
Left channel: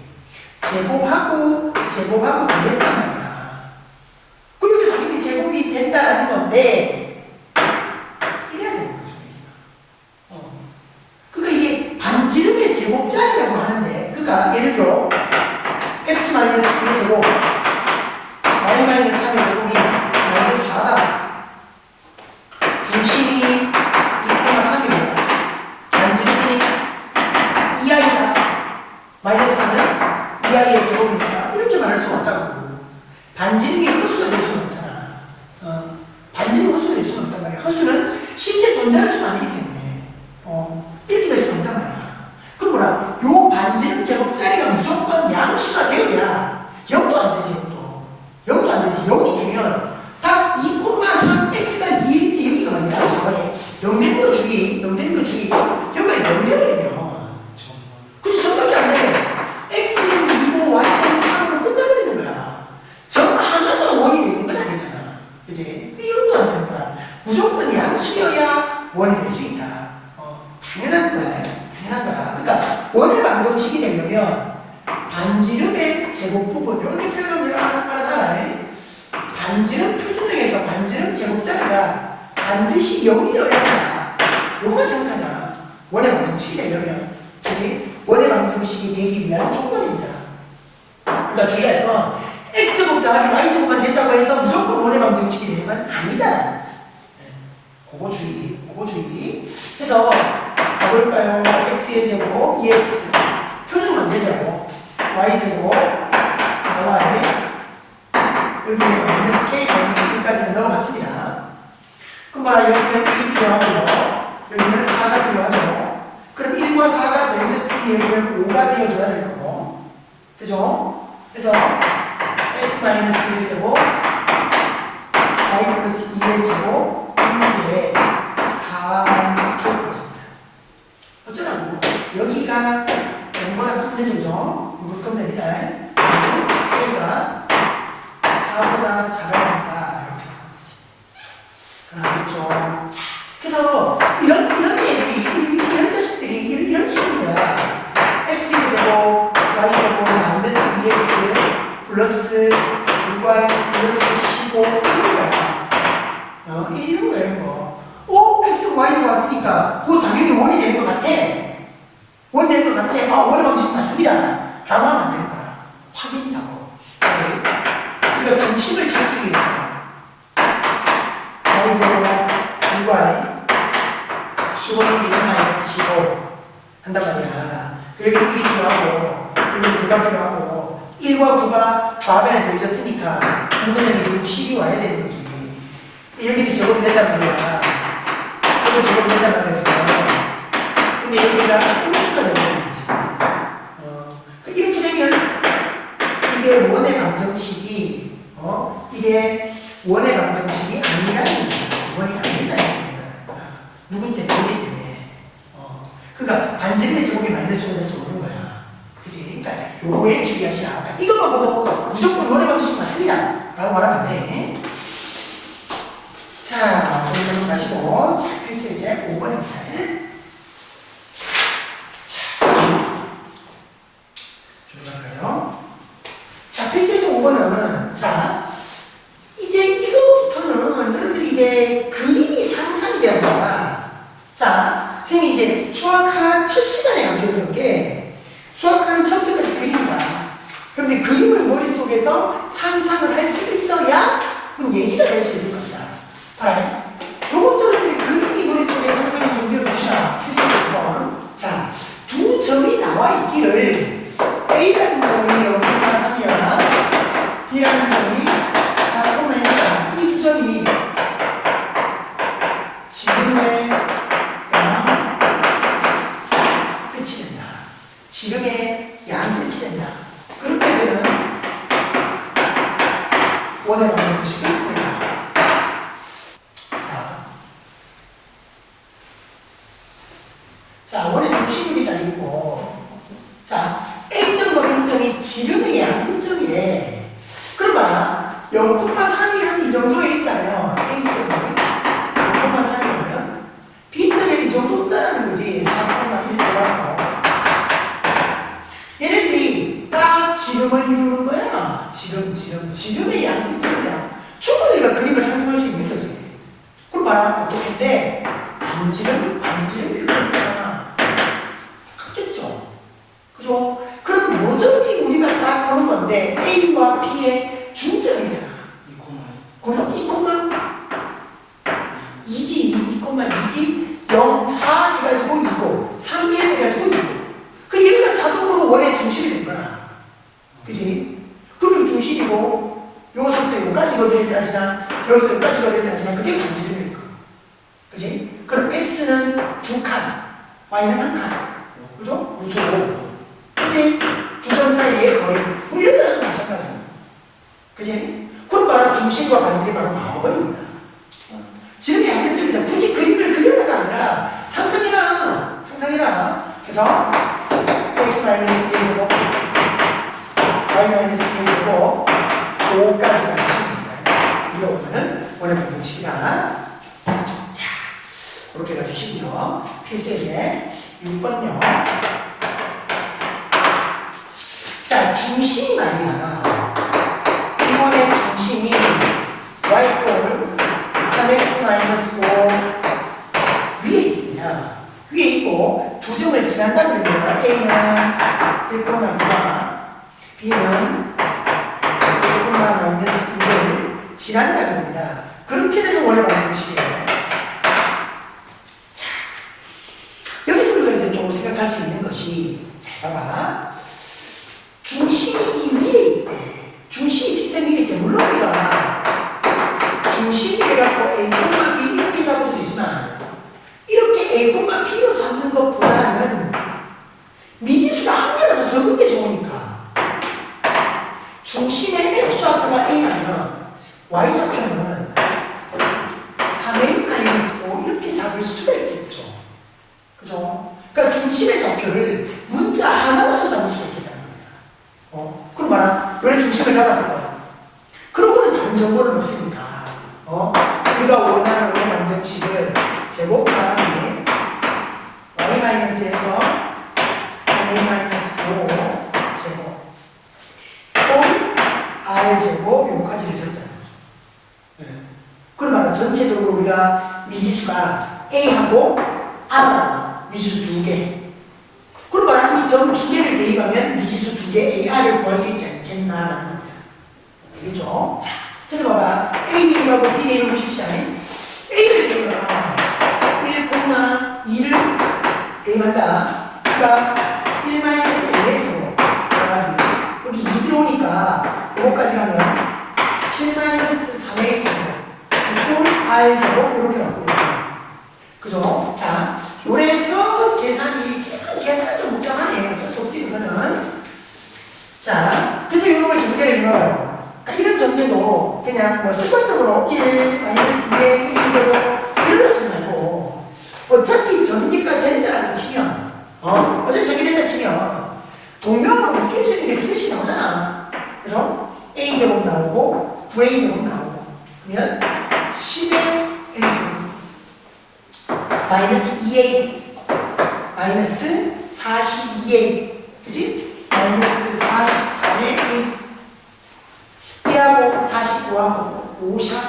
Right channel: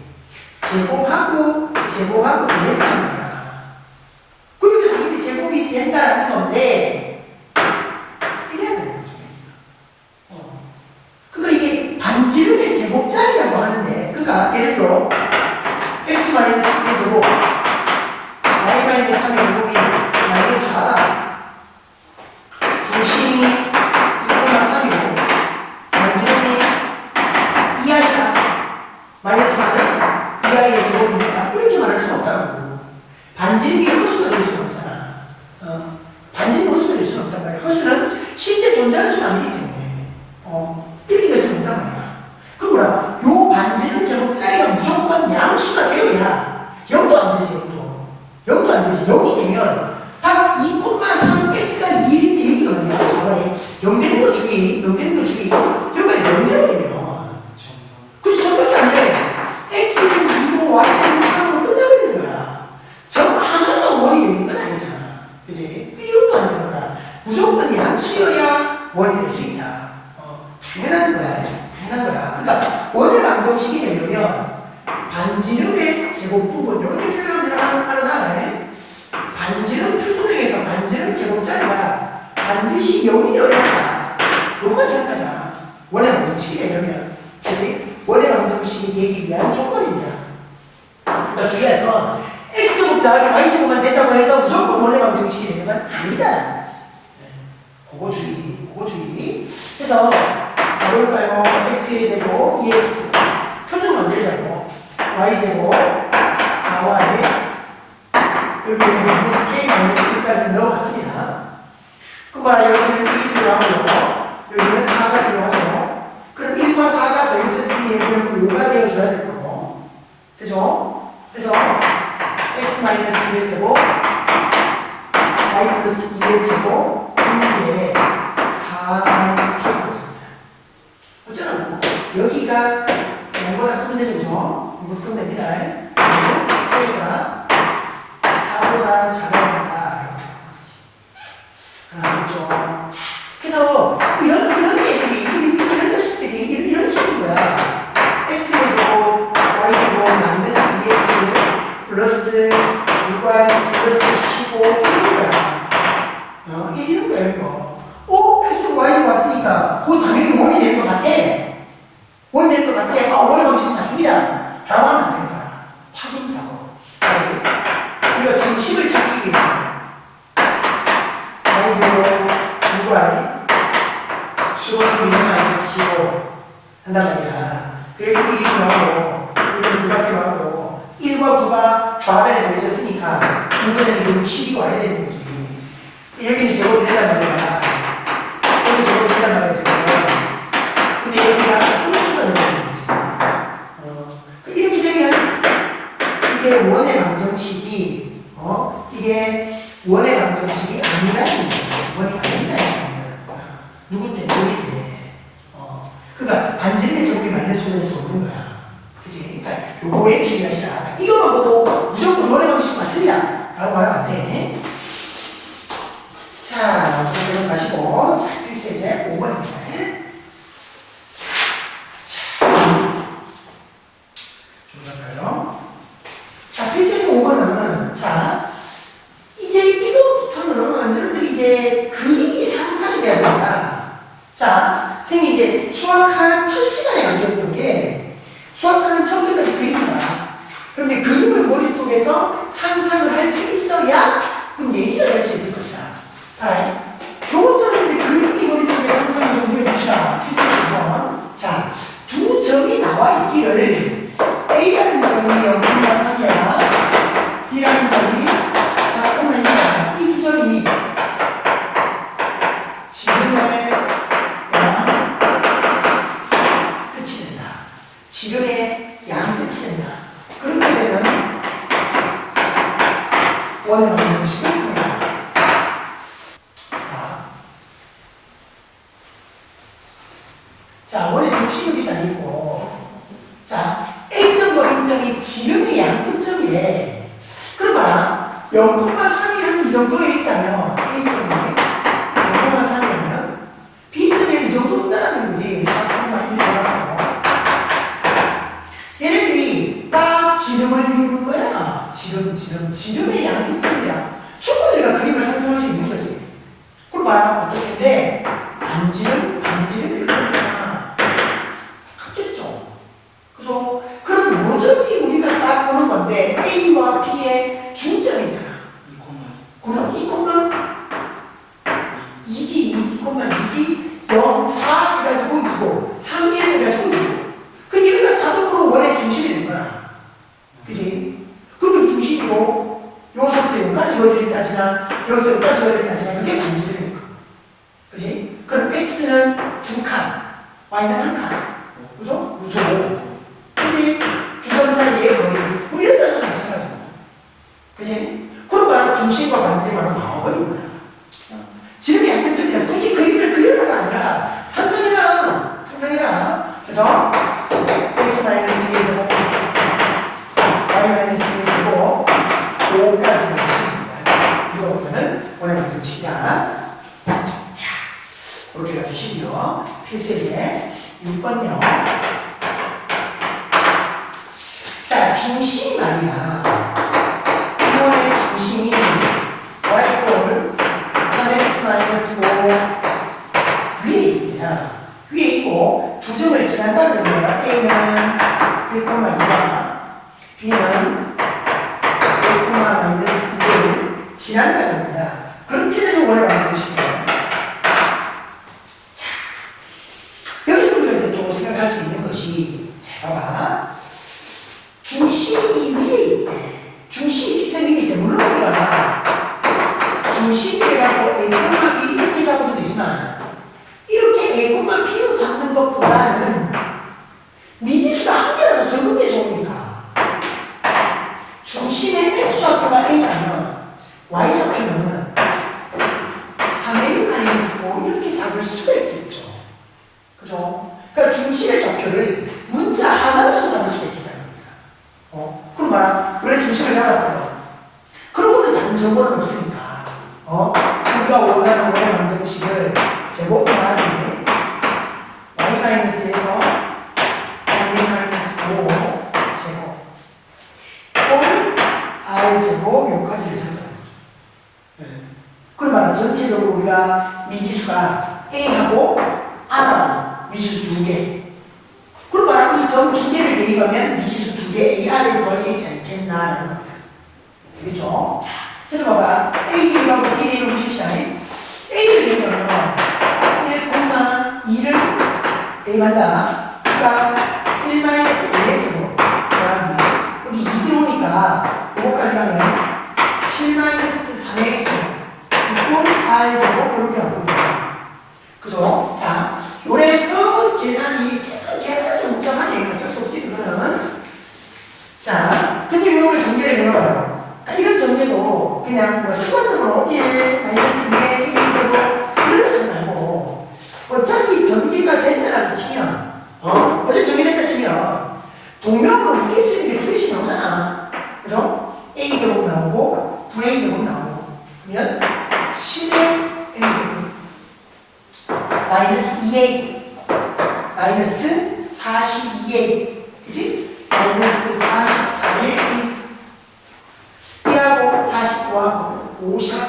제곱하고 더했단 말이야. 그러니까 당연히 제곱이 된다라는 건데 이래야 되는 거죠. 그러니까 이게 반지름의 제곱짜리라고 하는데, 그러니까 예를 들어 x-2의 제곱, y-3의 제곱이 마이너스 4다. 중심이 2,3이고 반지름이 2i다. 마이너스 4는 2i의 제곱입니다. 이렇게 말할 수 없다고. 반지름이 허수가 될 수는 없잖아. 반지름이 허수가 될 수는 없단 말이야. 허수는 실제 존재하는 수는 아니기 때문에 이렇게 될 수는 없단 말이야. 그럼 뭐라? 요 반지름 제곱짜리가 무조건 양수가 되어야 0도 안 되지. 0도 안 되지. 0이 되면 딱 2,3x가 2일 때 여기가 뭐냐? 0 되는 거 주기, 0 되는 거 주기. 여기가 0 되버리면 그치, 저밖에 안 돼. x는 2고 y는 3으로 끝내버리는 거야. 점 하나가 원이 되는 건 아니잖아. 그치? 그 0도 안 되는 거야. 무조건 양수여야 원이 될 수 있다. 당연한 거야. 그러니까 원의 방정식이 되려면 반지름의 제곱 부분 이렇게 표현하면 알아놔라. 반지름 표준형에서 반지름 제곱자리가 반드시 0이 되어야 한다. 이것만 생각하자. 원의 방정식이 되려면. 그치? 원의 방정식이 되기 위한 조건입니다. 그러니까 주의할 건 x제곱 더하기 y제곱만 됐다고 해서 무조건 원의 방정식이 되는 건 아니다라는 거지. 그거 주의. 그래서 가볼까요? x의 제곱 2x 표준 y제곱 4y 여기에 마이너스 k 마이너스 1까지는 넘어갔습니다. 그럼 봐라 여기는 1이 필요하고요. 여기는 4가 필요하죠. 그럼 1과 4가 더해졌으니 여기는 5가 되어줘야 될 거고. 되죠? 그래서 x 마이너스 1의 제곱 y 플러스 2의 제곱 이게 4 마이너스 k까지입니다. 어쩌라고? 여기가 0보다 크면 되죠, 그죠? 0보다 크면 됩니다. k가 4보다 작아야 한다. 이렇게 하면 되지. 알겠죠? 자, 그래서 이런 애들이, 이런 자식들이 이런 식인 거야. x의 제곱, y 제곱, 마이너스 2x, 플러스 6y, 플러스 15, 이런 거야. 이런 거야, 이거. x, y가 왔으니까, 그거 당연히 원이 되는 것 같아. 원이 되는 것 같아. 원의 방식 맞습니다. 라고 하면 안 되는 거야. 확인 작업. 우리가 중심을 찾기 위해서 y제곱 6y 15는 미는 마이너스 15 한단 말이야. 여기 1이 필요하고 여기 9가 필요하고 1과 9가 좌변에 더해졌으니까 6분의 60이 와야 되는 거지. 여기는 제곱이 된단 말이야. 여기도 제곱이 된단 말이야 지금. 근데 여기가 음수가 되는 거지. 이렇게 되면 이게 원의 방정식이 이게 원의 방정식이 아니라는 거죠. 원이 아니라는 거야. 누구 때문에? 여기 때문에. 그러니까 반지름의 제곱이 마이너스 5는 적는 거야. 그치? 그러니까 요거에 주의하시라. 그러니까 이것만 보고 무조건 원의 방정식 맞습니다. 라고 말하면 안 돼. 자, 그럼 가시고. 자, 필수예제 5번입니다. 자, 좀 갈까요? 자, 필수예제 5번은, 자, 이제 이거부터는 여러분들이 이제 그림이 상상이 되는 거야. 자, 선생님이 이제 수학학 첫 시간에 강조했던 게 수학하는 처음부터까지 그림이다. 그런데 그림을 머릿속에서 상상을 할 수 있어야 얘기가 될 수 있을 것이다. 알아요? 요것들은 그림이 머릿속에 상상이 좀 되어주시라. 필수예제 5번. 자, 두 점이 나와 있기를 A라는 점이 0,3이야. B라는 점이 4,2야. 이 두 점이 지름의 양 끝이 된다. 지름의 양 끝이 된다. 그렇게 되면 원의 방정식이 보인다. 자, 원의 중심은 일단 있고, 자, A점과 B점이 지름의 양 끝점이래. 그럼 봐라. 0,3이 한 이 정도에 있다면, A점이 0,3이면, B점에 이 정도 된다는 거지. 4,1이라고. 얘네들이 딱 지름을 이루는 거야. 지름의 양 끝점이야. 충분히 우리가 그림을 상상할 수 있는 거지. 그럼 봐라. 어떻게 돼? 반지름 이렇게 되잖아. 같겠죠? 그죠? 그럼 요점이 우리가 딱 보는 건데, A와 B의 중점이잖아. 2,2. 그럼 2,2지 0, 4 해가지고 2고 3, 1 해가지고 2고 그 얘가 자동으로 원의 중심이 된 거야. 그치? 그러면 중심이고 요서부터 여기까지 거리를 따지나 여기서 여기까지 거리를 따지나 그게 반지름일 거야. 그치? 그럼 X는 2칸 Y는 1칸 그죠? 루트 5 그치? 두 점 사이의 거리 뭐 이런 따져도 마찬가지고 그치? 그럼 봐야 중심과 반지름이 바로 나와버린 거야. 지름이 양 끝점이다. 굳이 그림을 그려라가 아니라 상상해라. 그래서 x 마이너스 2의 제곱 y 마이너스 2의 제곱 5까지 가주십니다. 이거 보면은 원의 방정식이다. 자, 그렇게 가주시고요. 필수예제 6번요. 자, 중심이 말이야. 이번의 중심이 y꼴 3x 마이너스 5 위에 있습니다. 위에 있고 두 점을 지난다 그러면 A는 1,2와 B는 1, 마이너스 2를 지난다 그럽니다. 그렇게 되면 원의 방정식이에요. 자, 여기서 우리가 이제 또 생각할 수 있는 것이 잘 봐봐. 중심이 위에 있대. 중심이 직선 위에 있대. 물론 우리가 중심이라고 A, B 이렇게 잡아도 되지만 이렇게 A, B로 잡는 것보다는 미지수가 한 개라도 적은 게 좋으니까 중심의 X좌표가 A라면 Y좌표는 3A-5 이렇게 잡을 수가 있겠죠. 그죠? 그러니까 중심의 좌표를 문자 하나로서 잡을 수가 있겠다는 겁니다. 그럼 봐라. 원래 중심을 잡았어요. 그러고는 다른 정보는 없으니까. 우리가 원하는 원의 방정식을 제곱 더하기 y-에서 3a-5 제곱 꼴 r제곱 요까지를 잡자는 거죠. 그럼 봐라. 전체적으로 우리가 미지수가 a하고 r하고 미지수 2개. 그럼 봐라. 이 점 2개를 대입하면 미지수 2개 AR을 구할 수 있지 않겠나라는 겁니다. 알겠죠? 자, 그래서 봐봐. A 대입하고 B 대입을 보십시다. A를 대입하면 1,2를 대입한다. 그러니까 1-A의 제곱 더하기 여기 2 들어오니까 요거까지 가면 7-3의 제곱 R 제곱 이렇게 갖고 있어요. 그죠? 자, 요래서 계산이 좀 복잡하네요. 어쩔 수 없지, 그거는. 자, 그래서 이런 걸 전개를 해봐요. 그러니까 이런 전개도 그냥 뭐 습관적으로 1-2의 2제곱 이런 거 하지 말고 어차피 전개가 된다라고 치면 어차피 전개된다 치면 동명으로 묶일 수 있는 게 2개씩 나오잖아. 그죠? A제곱 나오고 9A제곱 나오고 그러면 10의 A제곱 마이너스 2A 마이너스 42A 그치? 마이너스 44의 A 1하고 49하고 50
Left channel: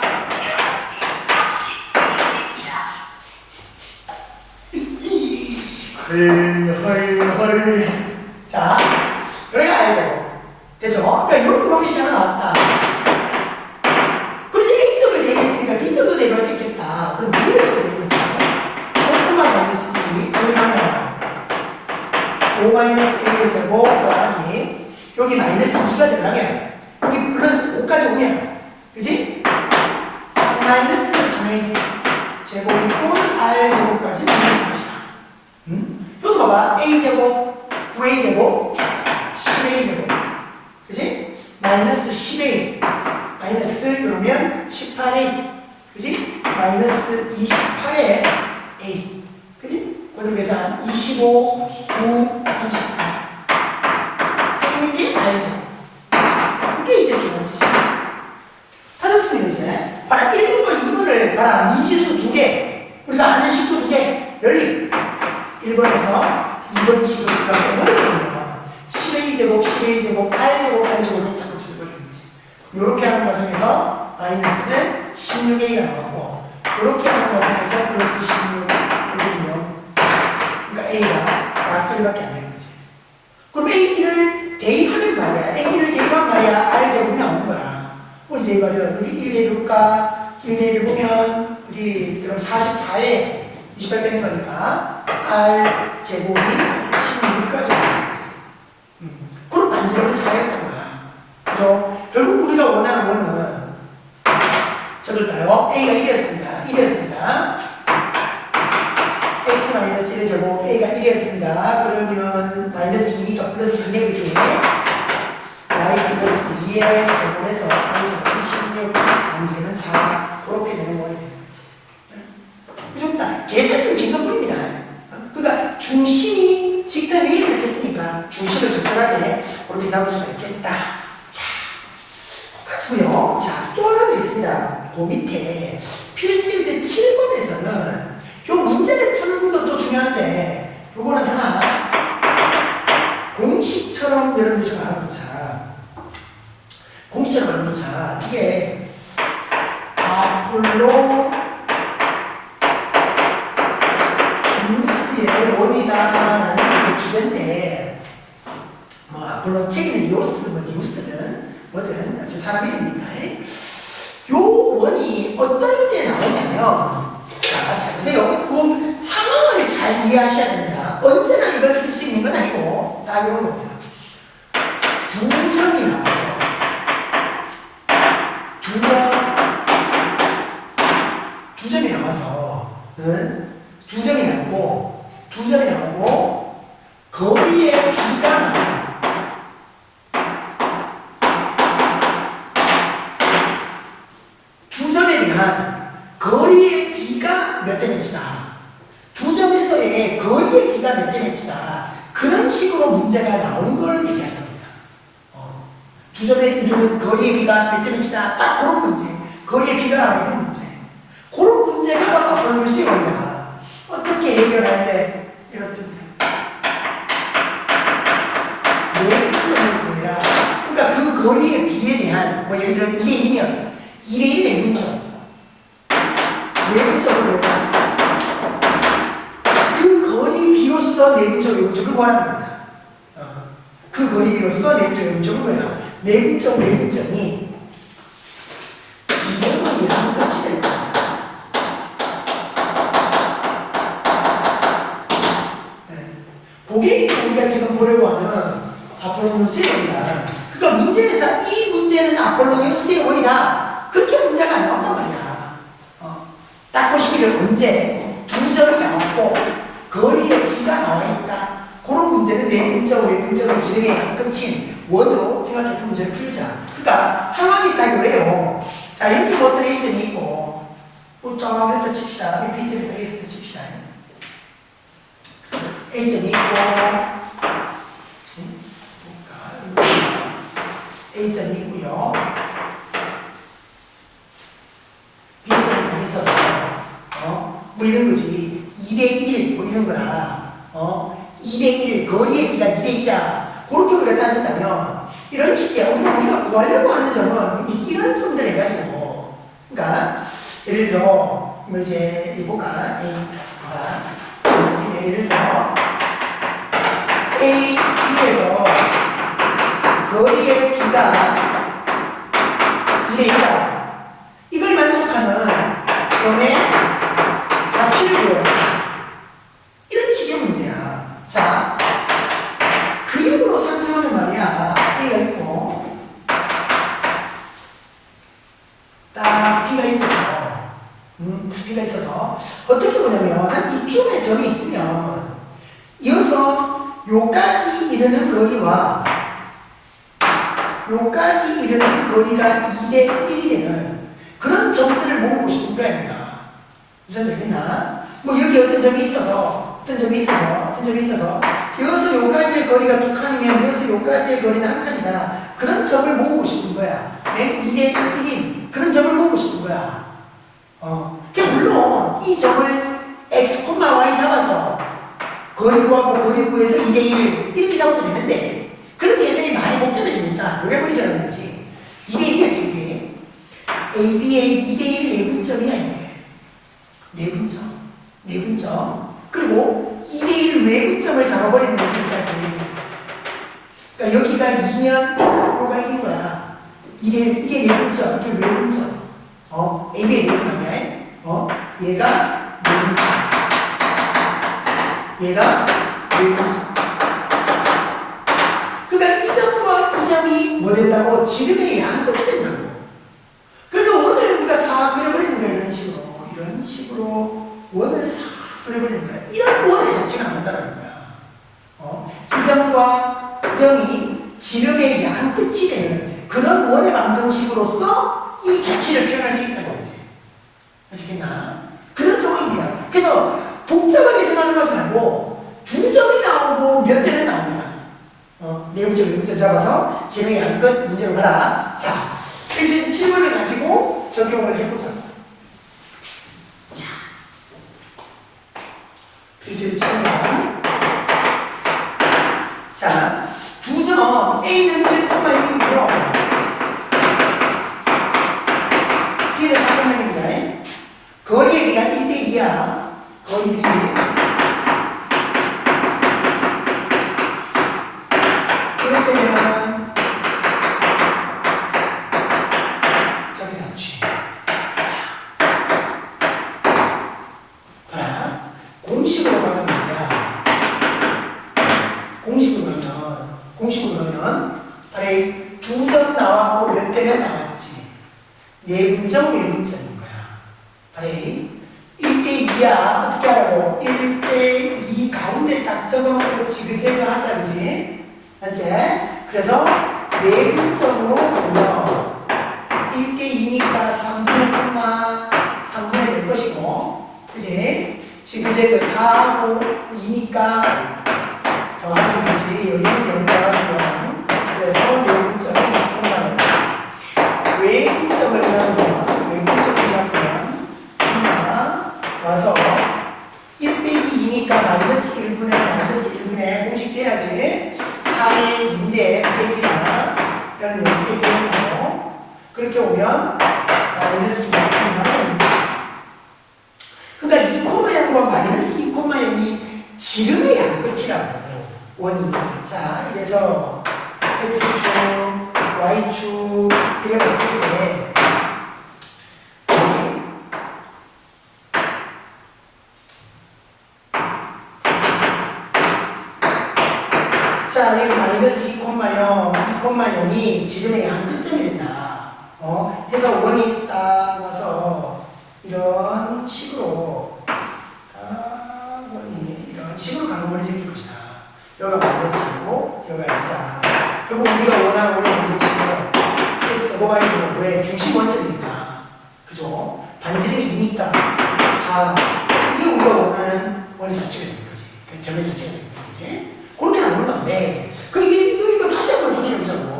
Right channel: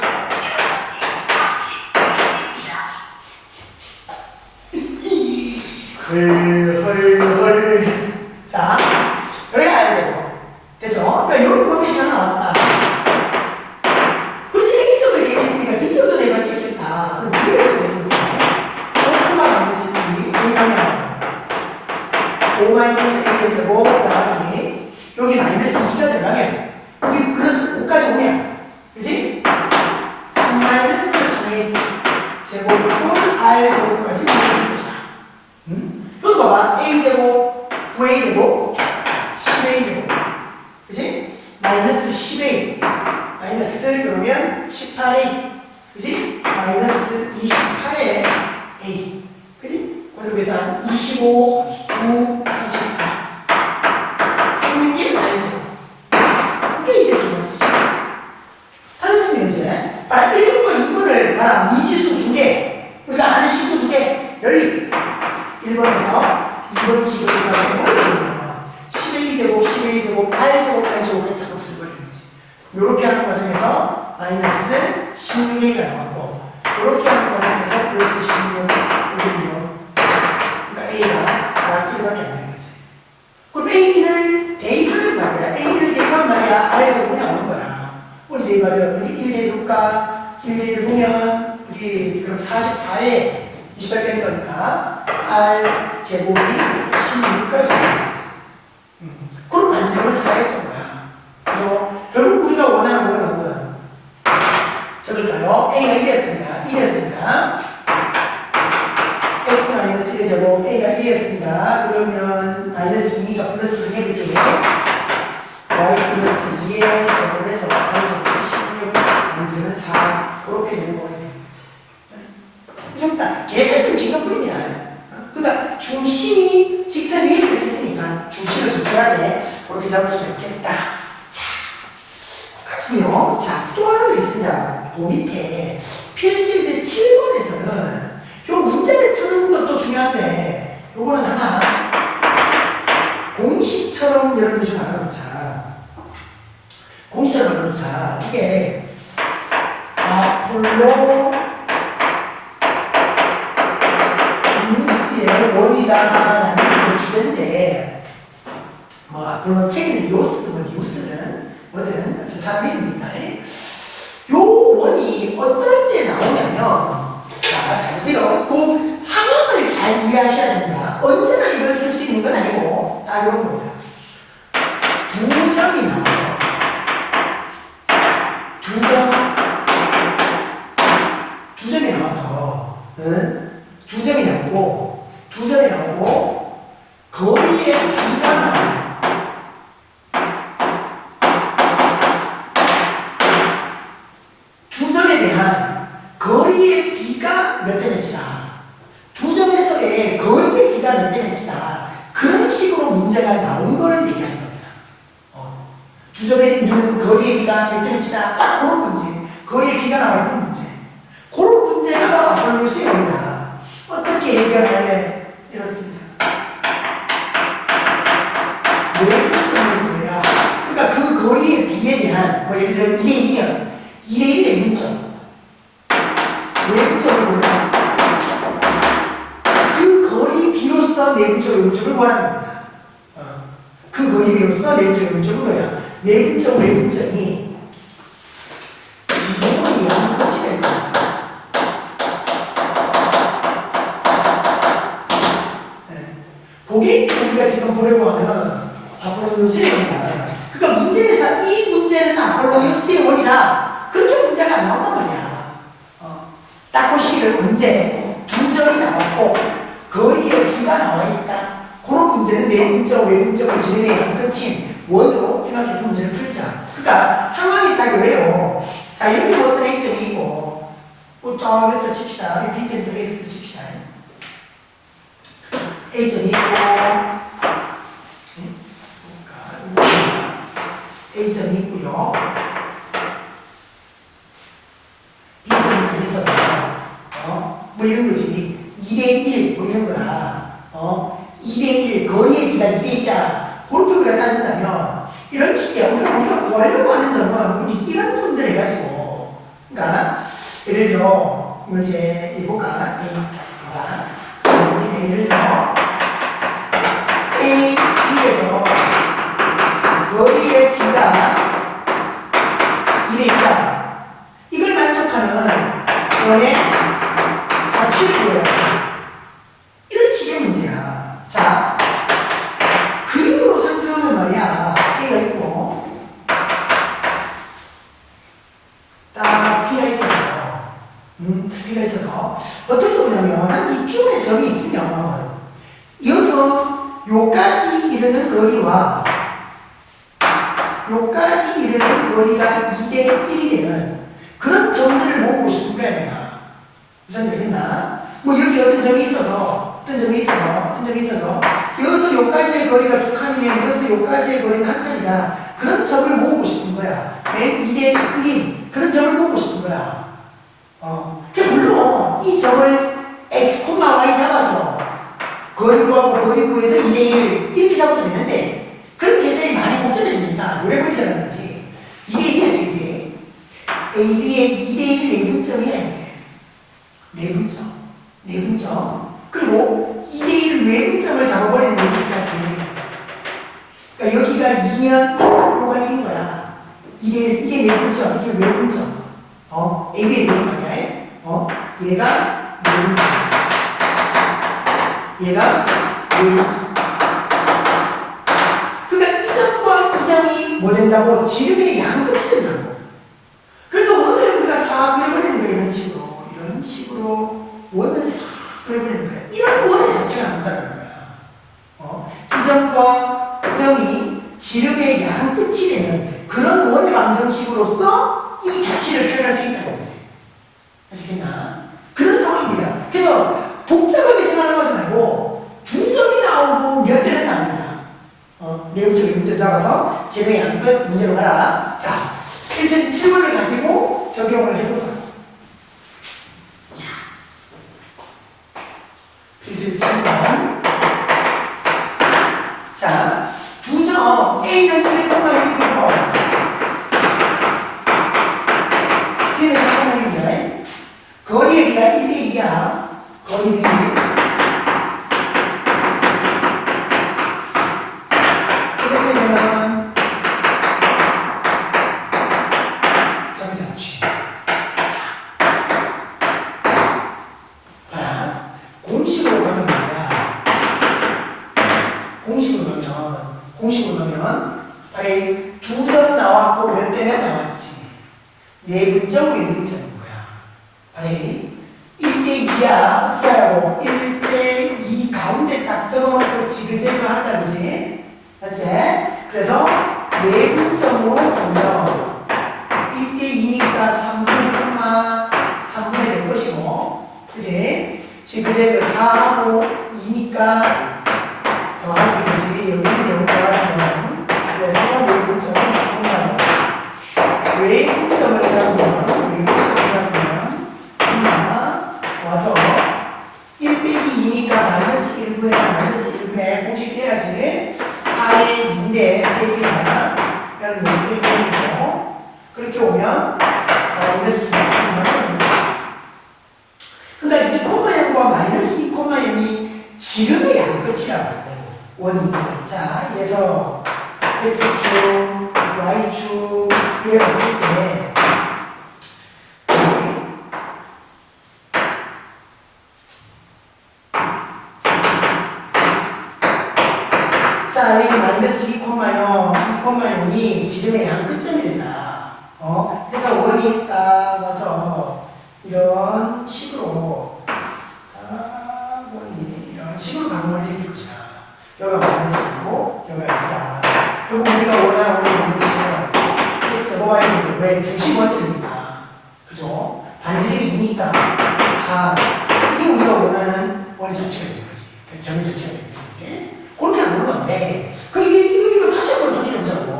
헐 자, 그래 알죠? 됐죠? 그러니까 이런 방식이 하나 나왔다. 그렇지 A점을 대입했으니까 B점도 대입할 수 있겠다. 그럼 B를 대입했다. 한번 마이너스 2 대입하면 5-A의 제곱 더하기 여기 마이너스 2가 들어가면 여기 플러스 5까지 오면 그치? 3-3의 제곱 꼴 R 제곱까지 오는 것이다. 여기 봐봐. A제곱 9A제곱 10A제곱 그치? 마이너스 10A 마이너스 그러면 18A 그치? 마이너스 28의 A 그치? 그대로 계산 25, 9, 34 있는 게 알죠? 이게 이제 두 번째지. 다 됐으면 이제 봐라 1번과 2번을 봐라 미지수 2개 우리가 아는 식구 2개 열리 1번에서 2번 식으로 우리가 해버리면 10A제곱 10A제곱 8제곱 8제곱 다 곱슬 버리는 거지. 요렇게 하는 과정에서 마이너스 16A가 나왔고 요렇게 하는 과정에서 플러스 16 이거요. 그러니까 A가 다 1밖에 안 되는 거지. 그럼 A를 대입하면 말이야. A를 대입하면 말이야. R 제곱이 나오는 거야. 어디 대입하려? 여기 1 대입할까? 1 대입을 보면 여기 그럼 44에 28 빼는 거니까 R 제곱이 16까지 오는 거지. 그럼 반지름은 4였던 거야. 그죠? 결국 우리가 원하는 거는 적을까요? A가 1이었습니다. 1이었습니다. X-1의 제곱 A가 1이었습니다. 그러면 마이너스 2니까 플러스 2네 그지? Y 플러스 2의 제곱에서 R 제곱이 16 반지름은 4 그렇게 되는 거게 되는 거지. 좀 다 계산이 좀 긴건 뿐입니다. 그러니까 중심이 직선 위에 있겠으니까 중심을 적절하게 그렇게 잡을 수가 있겠다. 자, 가지고요. 자, 또 하나 더 있습니다. 그 밑에 필수예제 7번에서는 요 문제를 푸는 것도 중요한데 요거는 하나 공식처럼 여러분들 좀 알아놓자. 공식처럼 알아놓자. 이게 아폴로 리우스의 원이다라는 주제인데 뭐 아폴로 책에는 리우스든 뭐 리우스든 뭐든 어차피 사람 이름이니까 요 원이 어떨 때 나오냐면 자, 잘 보세요. 그 상황을 잘 이해하셔야 됩니다. 언제나 이걸 쓸 수 있는 건 아니고 딱 이런 겁니다. 두 점에 이루는 거리의 비가 몇 대 몇이다. 딱 그런 문제. 거리의 비가 나와 있는 문제. 그런 문제가 바로 아폴로니우스의 겁니다. 어떻게 해결할래? 이렇습니다. 내분점을 구해라. 그러니까 그 거리의 비에 대한 뭐 예를 들어 2대1이면 2대1 내분점. 내분점을 구해라. 그 거리 비로서 내분점 외분점을 구하라는 겁니다. 그 거리 비로서 내분점 외분점을 구해라. 내분점 외분점이 지붕에 의한 끝이 될 겁니다. 그게 이제 우리가 지금 보려고 하는 아폴로니우스의 원이다. 그러니까 문제에서 이 문제는 아폴로니우스의 원이다. 그렇게 문제가 안 나온단 말이야. 딱 보시기를 언제 두 점이 나왔고 거리에 비가 나와 있다. 그런 문제는 내분점, 외분점을 진행해 끝인 원으로 생각해서 문제를 풀자. 그러니까 상황이 딱 그래요. 자, 여기 뭐 어떤 A점이 있고 또 그랬다 칩시다. B점이 딱 A점이 칩시다. A점이 있고 A점이 있고요. B점이 딱 있어서 뭐 이런 거지. 2대1 뭐 이런 거라 2대1 거리의 비가 2대1이다. 그렇게 우리가 따진다면 이런 식이야. 우리가 구하려고 하는 점은 이런 점들 해가지고 그러니까 예를 들어 뭐 이제 해볼까 예를 들어 A, B에서 거리의 비가 2대1이다. 이걸 만족하는 지원의 자취를 구해라. 이런 식의 문제야. 자, 그림으로 상상하는 말이야. A가 있고 딱 B가 있어서 B가 있어서 어떻게 보냐면 한 이쯤에 점이 있으면 이어서 요까지 이르는 거리와 요까지 이르는 거리가 2대1이 되는 그런 점들을 모으고 싶은 거야 내가. 무슨 되겠나? 뭐 여기 어떤 점이 있어서 여기서 요까지의 거리가 두 칸이면 여기서 요까지의 거리는 한 칸이다. 그런 점을 모으고 싶은 거야. 2대1인 그런 점을 모으고 싶은 거야. 물론 이 점을 x, y 잡아서 거리 구하고 거리 구해서 2대1 이렇게 잡아도 되는데 그렇게 해서 많이 복잡해지니까 오래 걸리자는 거지. 2대1이야 지금. AB의 2대1 내분점이야 이게. 내분점. 그리고 2대1 외분점을 잡아버리는 거기까지. 그러니까 여기가 2면 요가 1인 거야. 2대1 이게 내분점, 이게 외분점. AB의 내분점이야. 얘가 내분점. 얘가 외분점. 그러니까 이 점과 이 점이 뭐 된다고? 지름의 양 끝이 된다고. 그래서 원을 우리가 싹 그려버리는 거야 이런 식으로 원을 싹 그려버리는 거야. 이런 원의 자체가 나온다는 거야. 이 점과 이 점이 지름의 양 끝이 되는 그런 원의 방정식으로서 이 자취를 표현할 수 있다는 거지. 아시겠나? 그런 상황입니다. 그래서 복잡하게 생각하지 말고 두 점이 나오고 몇 대는 나옵니다. 내분점, 외분점 잡아서 지름의 양 끝 문제로 가라. 자, 필수 질문을 가지고 적용을 해보자. 자, 필수 질문. 자, 두 점 A는 1,6이고요. B는 3,6입니다. 거리의 비가 1대2야. 거리 비. 그렇게 되면 공식으로 가면 말이야. 공식으로 가면 아래 두 점 나왔고 몇 대가 나왔지. 내분점, 외분점인 거야. 아래 1대2야. 어떻게 하라고? 1대2 가운데 딱 적어놓고 지그재그 하자, 그지? 맞지? 그래서 내분점으로 보면 1대2니까 3분의 될 것이고, 그지? 지그재그 4하고 2니까 더하기, 그지? 여기는 0과 0. 그래서 내분점은 0과 오면 마이너스 2,0입니다. 그러니까 2,0과 마이너스 2,0이 지름의 양끝이라고 원이. 자, 그래서 x축, y축 이렇게 봤을 때 자, 여기 마이너스 2,0, 2,0이 지름의 양끝점이 된다. 그래서 원이 딱 와서 이런 식으로 원이 이런 식으로 가는 원이 생길 것이다. 여기가 마이너스고 여기가 2다. 결국 우리가 원하는 원의 방정식은 x제곱 y제곱. 왜? 중심 원점이니까. 그죠? 반지름이 2니까 4. 이게 우리가 원하는 원의 자체가 되는 거지. 그 점의 자체가 되는 거지. 그렇게 나오는 건데, 이거 다시 한번 확인해보자고.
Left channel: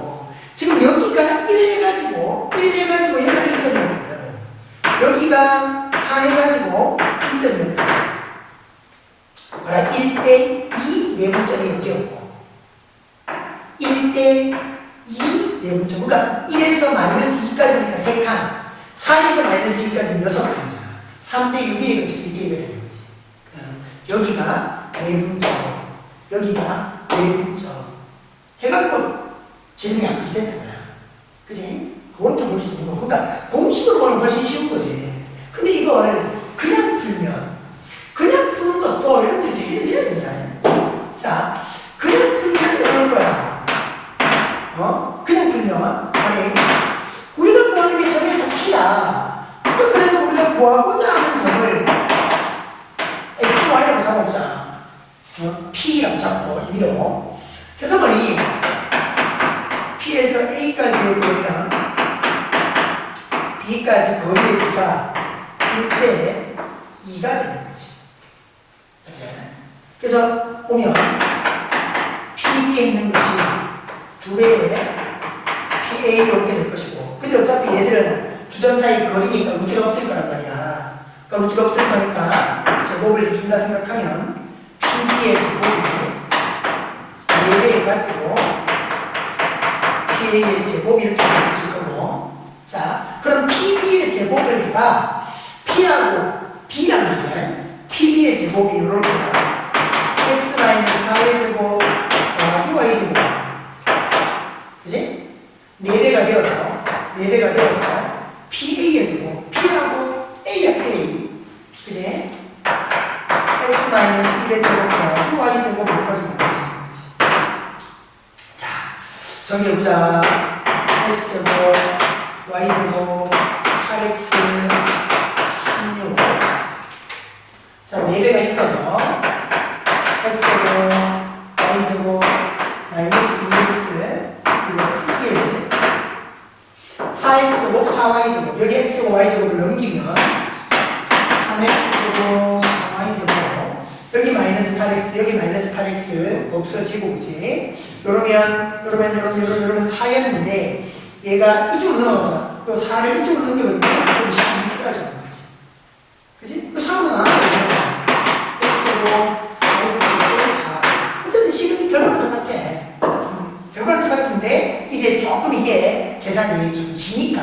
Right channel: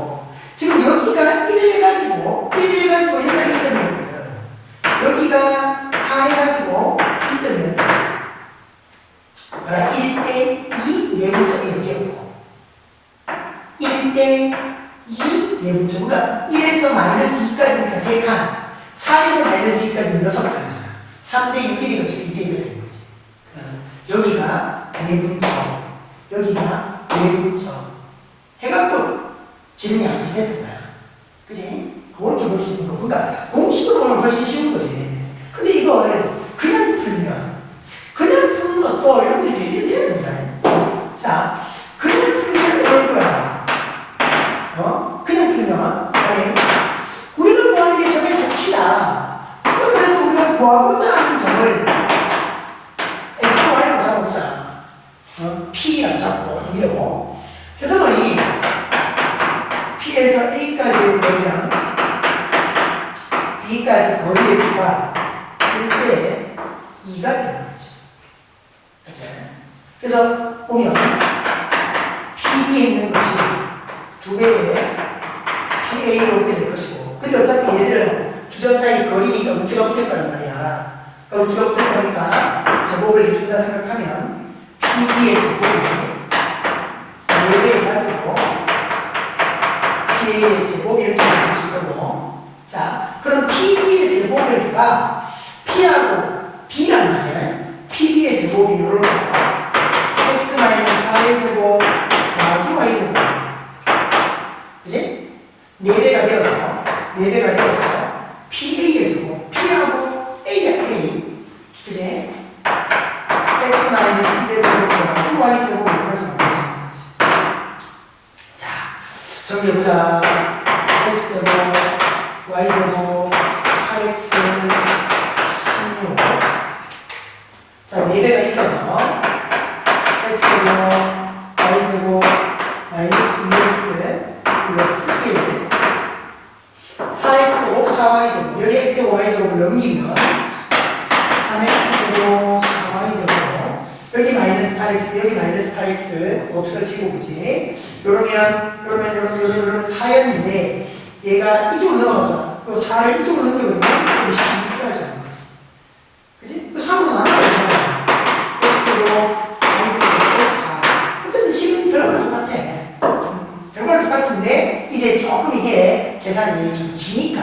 지금 여기가 1 해가지고 여기가 2점이었거든. 여기가 4 해가지고 2점이었다. 그러나 1대2 내분점이 여기였고, 1대2 내분점. 그러니까 1에서 마이너스 2까지니까 3칸, 4에서 마이너스 2까지는 6칸이잖아. 3대6이니까 지금 1대2가 되는 거지. 여기가 내분점. 여기가 내분점 해갖고 지름이 안 끝이 됐던 거야. 그지? 그렇게 볼 수 있는 거. 그러니까 공식으로 보면 훨씬 쉬운 거지. 근데 이걸 그냥 푸는 것도 여러분들이 되게 돼야 된다. 자, 그냥 풀면 이럴 거야. 그냥 풀면 우리가 구하는 게 점의 자취야. 그래서 우리가 구하고자 하는 점을 xy라고 잡아보자. P라고 잡고 임의로. 그래서 뭐니 P에서 A까지의 거리랑 B까지 거리의 B가 1대 2가 되는 거지. 맞지? 그래서 오면 PB에 있는 것이 2배의 PA로 오게 될 것이고, 근데 어차피 얘들은 두 점 사이 거리니까 루트가 붙을 거란 말이야. 그러니까 루트가 붙을 거니까 제곱을 해준다 생각하면 PB의 제곱이 4배 가지고 PA의 제곱이 이렇게 되실 거고, 자, 그럼 PB의 제곱을 해봐. P하고 B란 말이야. PB의 제곱이 이럴 거야. X-4의 제곱 더하기 Y 제곱. 그지? 4배가 되어서 PA의 제곱. P하고 A야, A. 그지? x-1의 제곱과 y제곱 여기까지 만들어지는 거지. 자, 정리해보자. x제곱, y제곱, 8x, 16. 자, 4배가 있어서 x제곱, y제곱, 마이너스 2x, 플러스 1. 4x제곱, 4y제곱. 여기 x제곱, y제곱을 넘기면 3x제곱, 여기 마이너스 8x, 여기 마이너스 8x 없어지고, 그지? 요러면 4였는데, 얘가 이쪽으로 넘어가죠. 그 4를 이쪽으로 넘겨버리면, 이쪽으로 12까지 오는 거지. 그지? 그 3으로 나눠버리죠. x로, y제곱, 4. 어쨌든 식은 결과는 똑같아. 결과는 똑같은데, 이제 조금 이게 계산이 좀 기니까,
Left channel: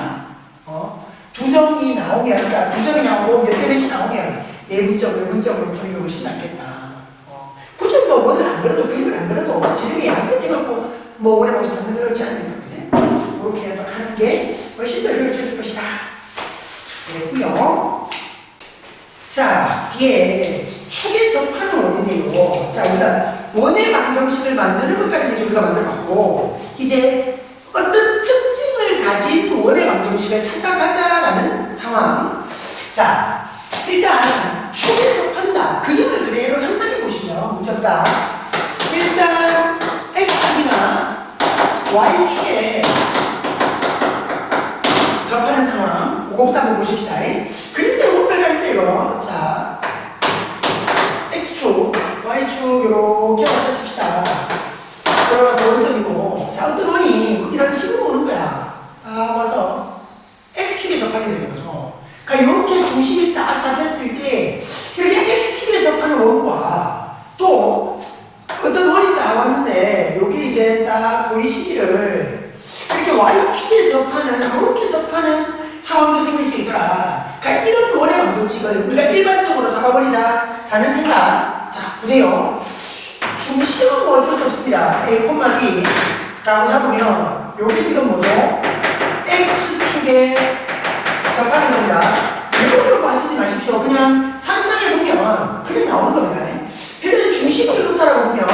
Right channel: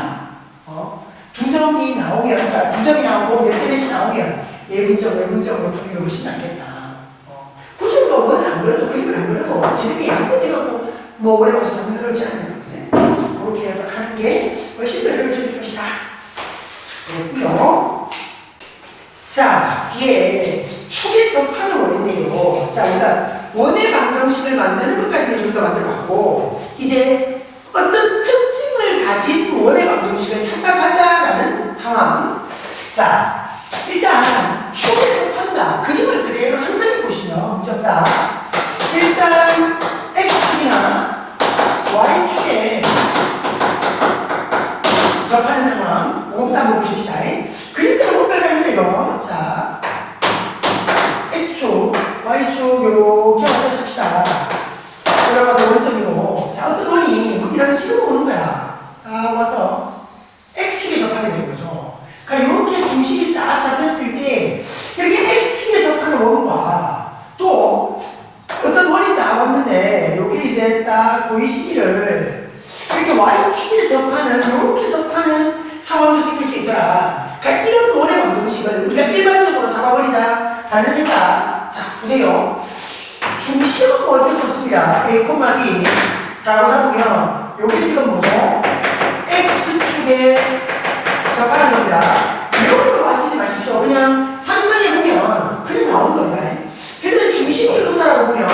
두 점이 나오면, 그러니까 두 점이 나오고 몇 대 몇이 나오면, 외분점으로 푸는 게 훨씬 낫겠다. 굳이 우리가 원을 안 그려도 그림을 안 그려도 지름이 양끝해갖고 뭐 오래 봐서 잡는 게 어렵지 않습니까? 그지? 그렇게 하는 게 훨씬 더 효율적일 것이다. 그랬고요. 자, 뒤에 축에 접하는 원인데요. 자, 일단 원의 방정식을 만드는 것까지는 우리가 만들어봤고, 이제 어떤 특징을 가진 원의 방정식을 찾아가자라는 상황. 자, 일단 축에 접한다. 그림을 그대로 상상해 보시면 문제없다. 일단 X축이나 Y축에 접하는 상황, 그거부터 한번 보십시다. 그림대로 못 빼가는데 이거. 자, X축, Y축 요렇게 엎어집시다. 들어가서 원점이고, 자, 어떤 원이 이런 식으로 오는 거야. 딱 와서 X축에 접하게 되는 거죠. 그러니까 이렇게 중심이 딱 잡혔을 때 이렇게 X축에 접하는 원과 또 어떤 원이 딱 왔는데 여기 이제 딱 보이시기를 이렇게 y축에 접하는 이렇게 접하는 상황도 생길 수 있더라. 그러니까 이런 원의 방정식을 우리가 일반적으로 잡아버리자 라는 생각. 자, 보세요. 중심은 뭐 어쩔 수 없습니다. a, b 라고 잡으면 요게 지금 뭐죠? x축에 접하는 겁니다. 이러려고 하시지 마십시오. 그냥 상상해보면 그냥 나오는 겁니다. 일단 중심이 이렇다라고 보면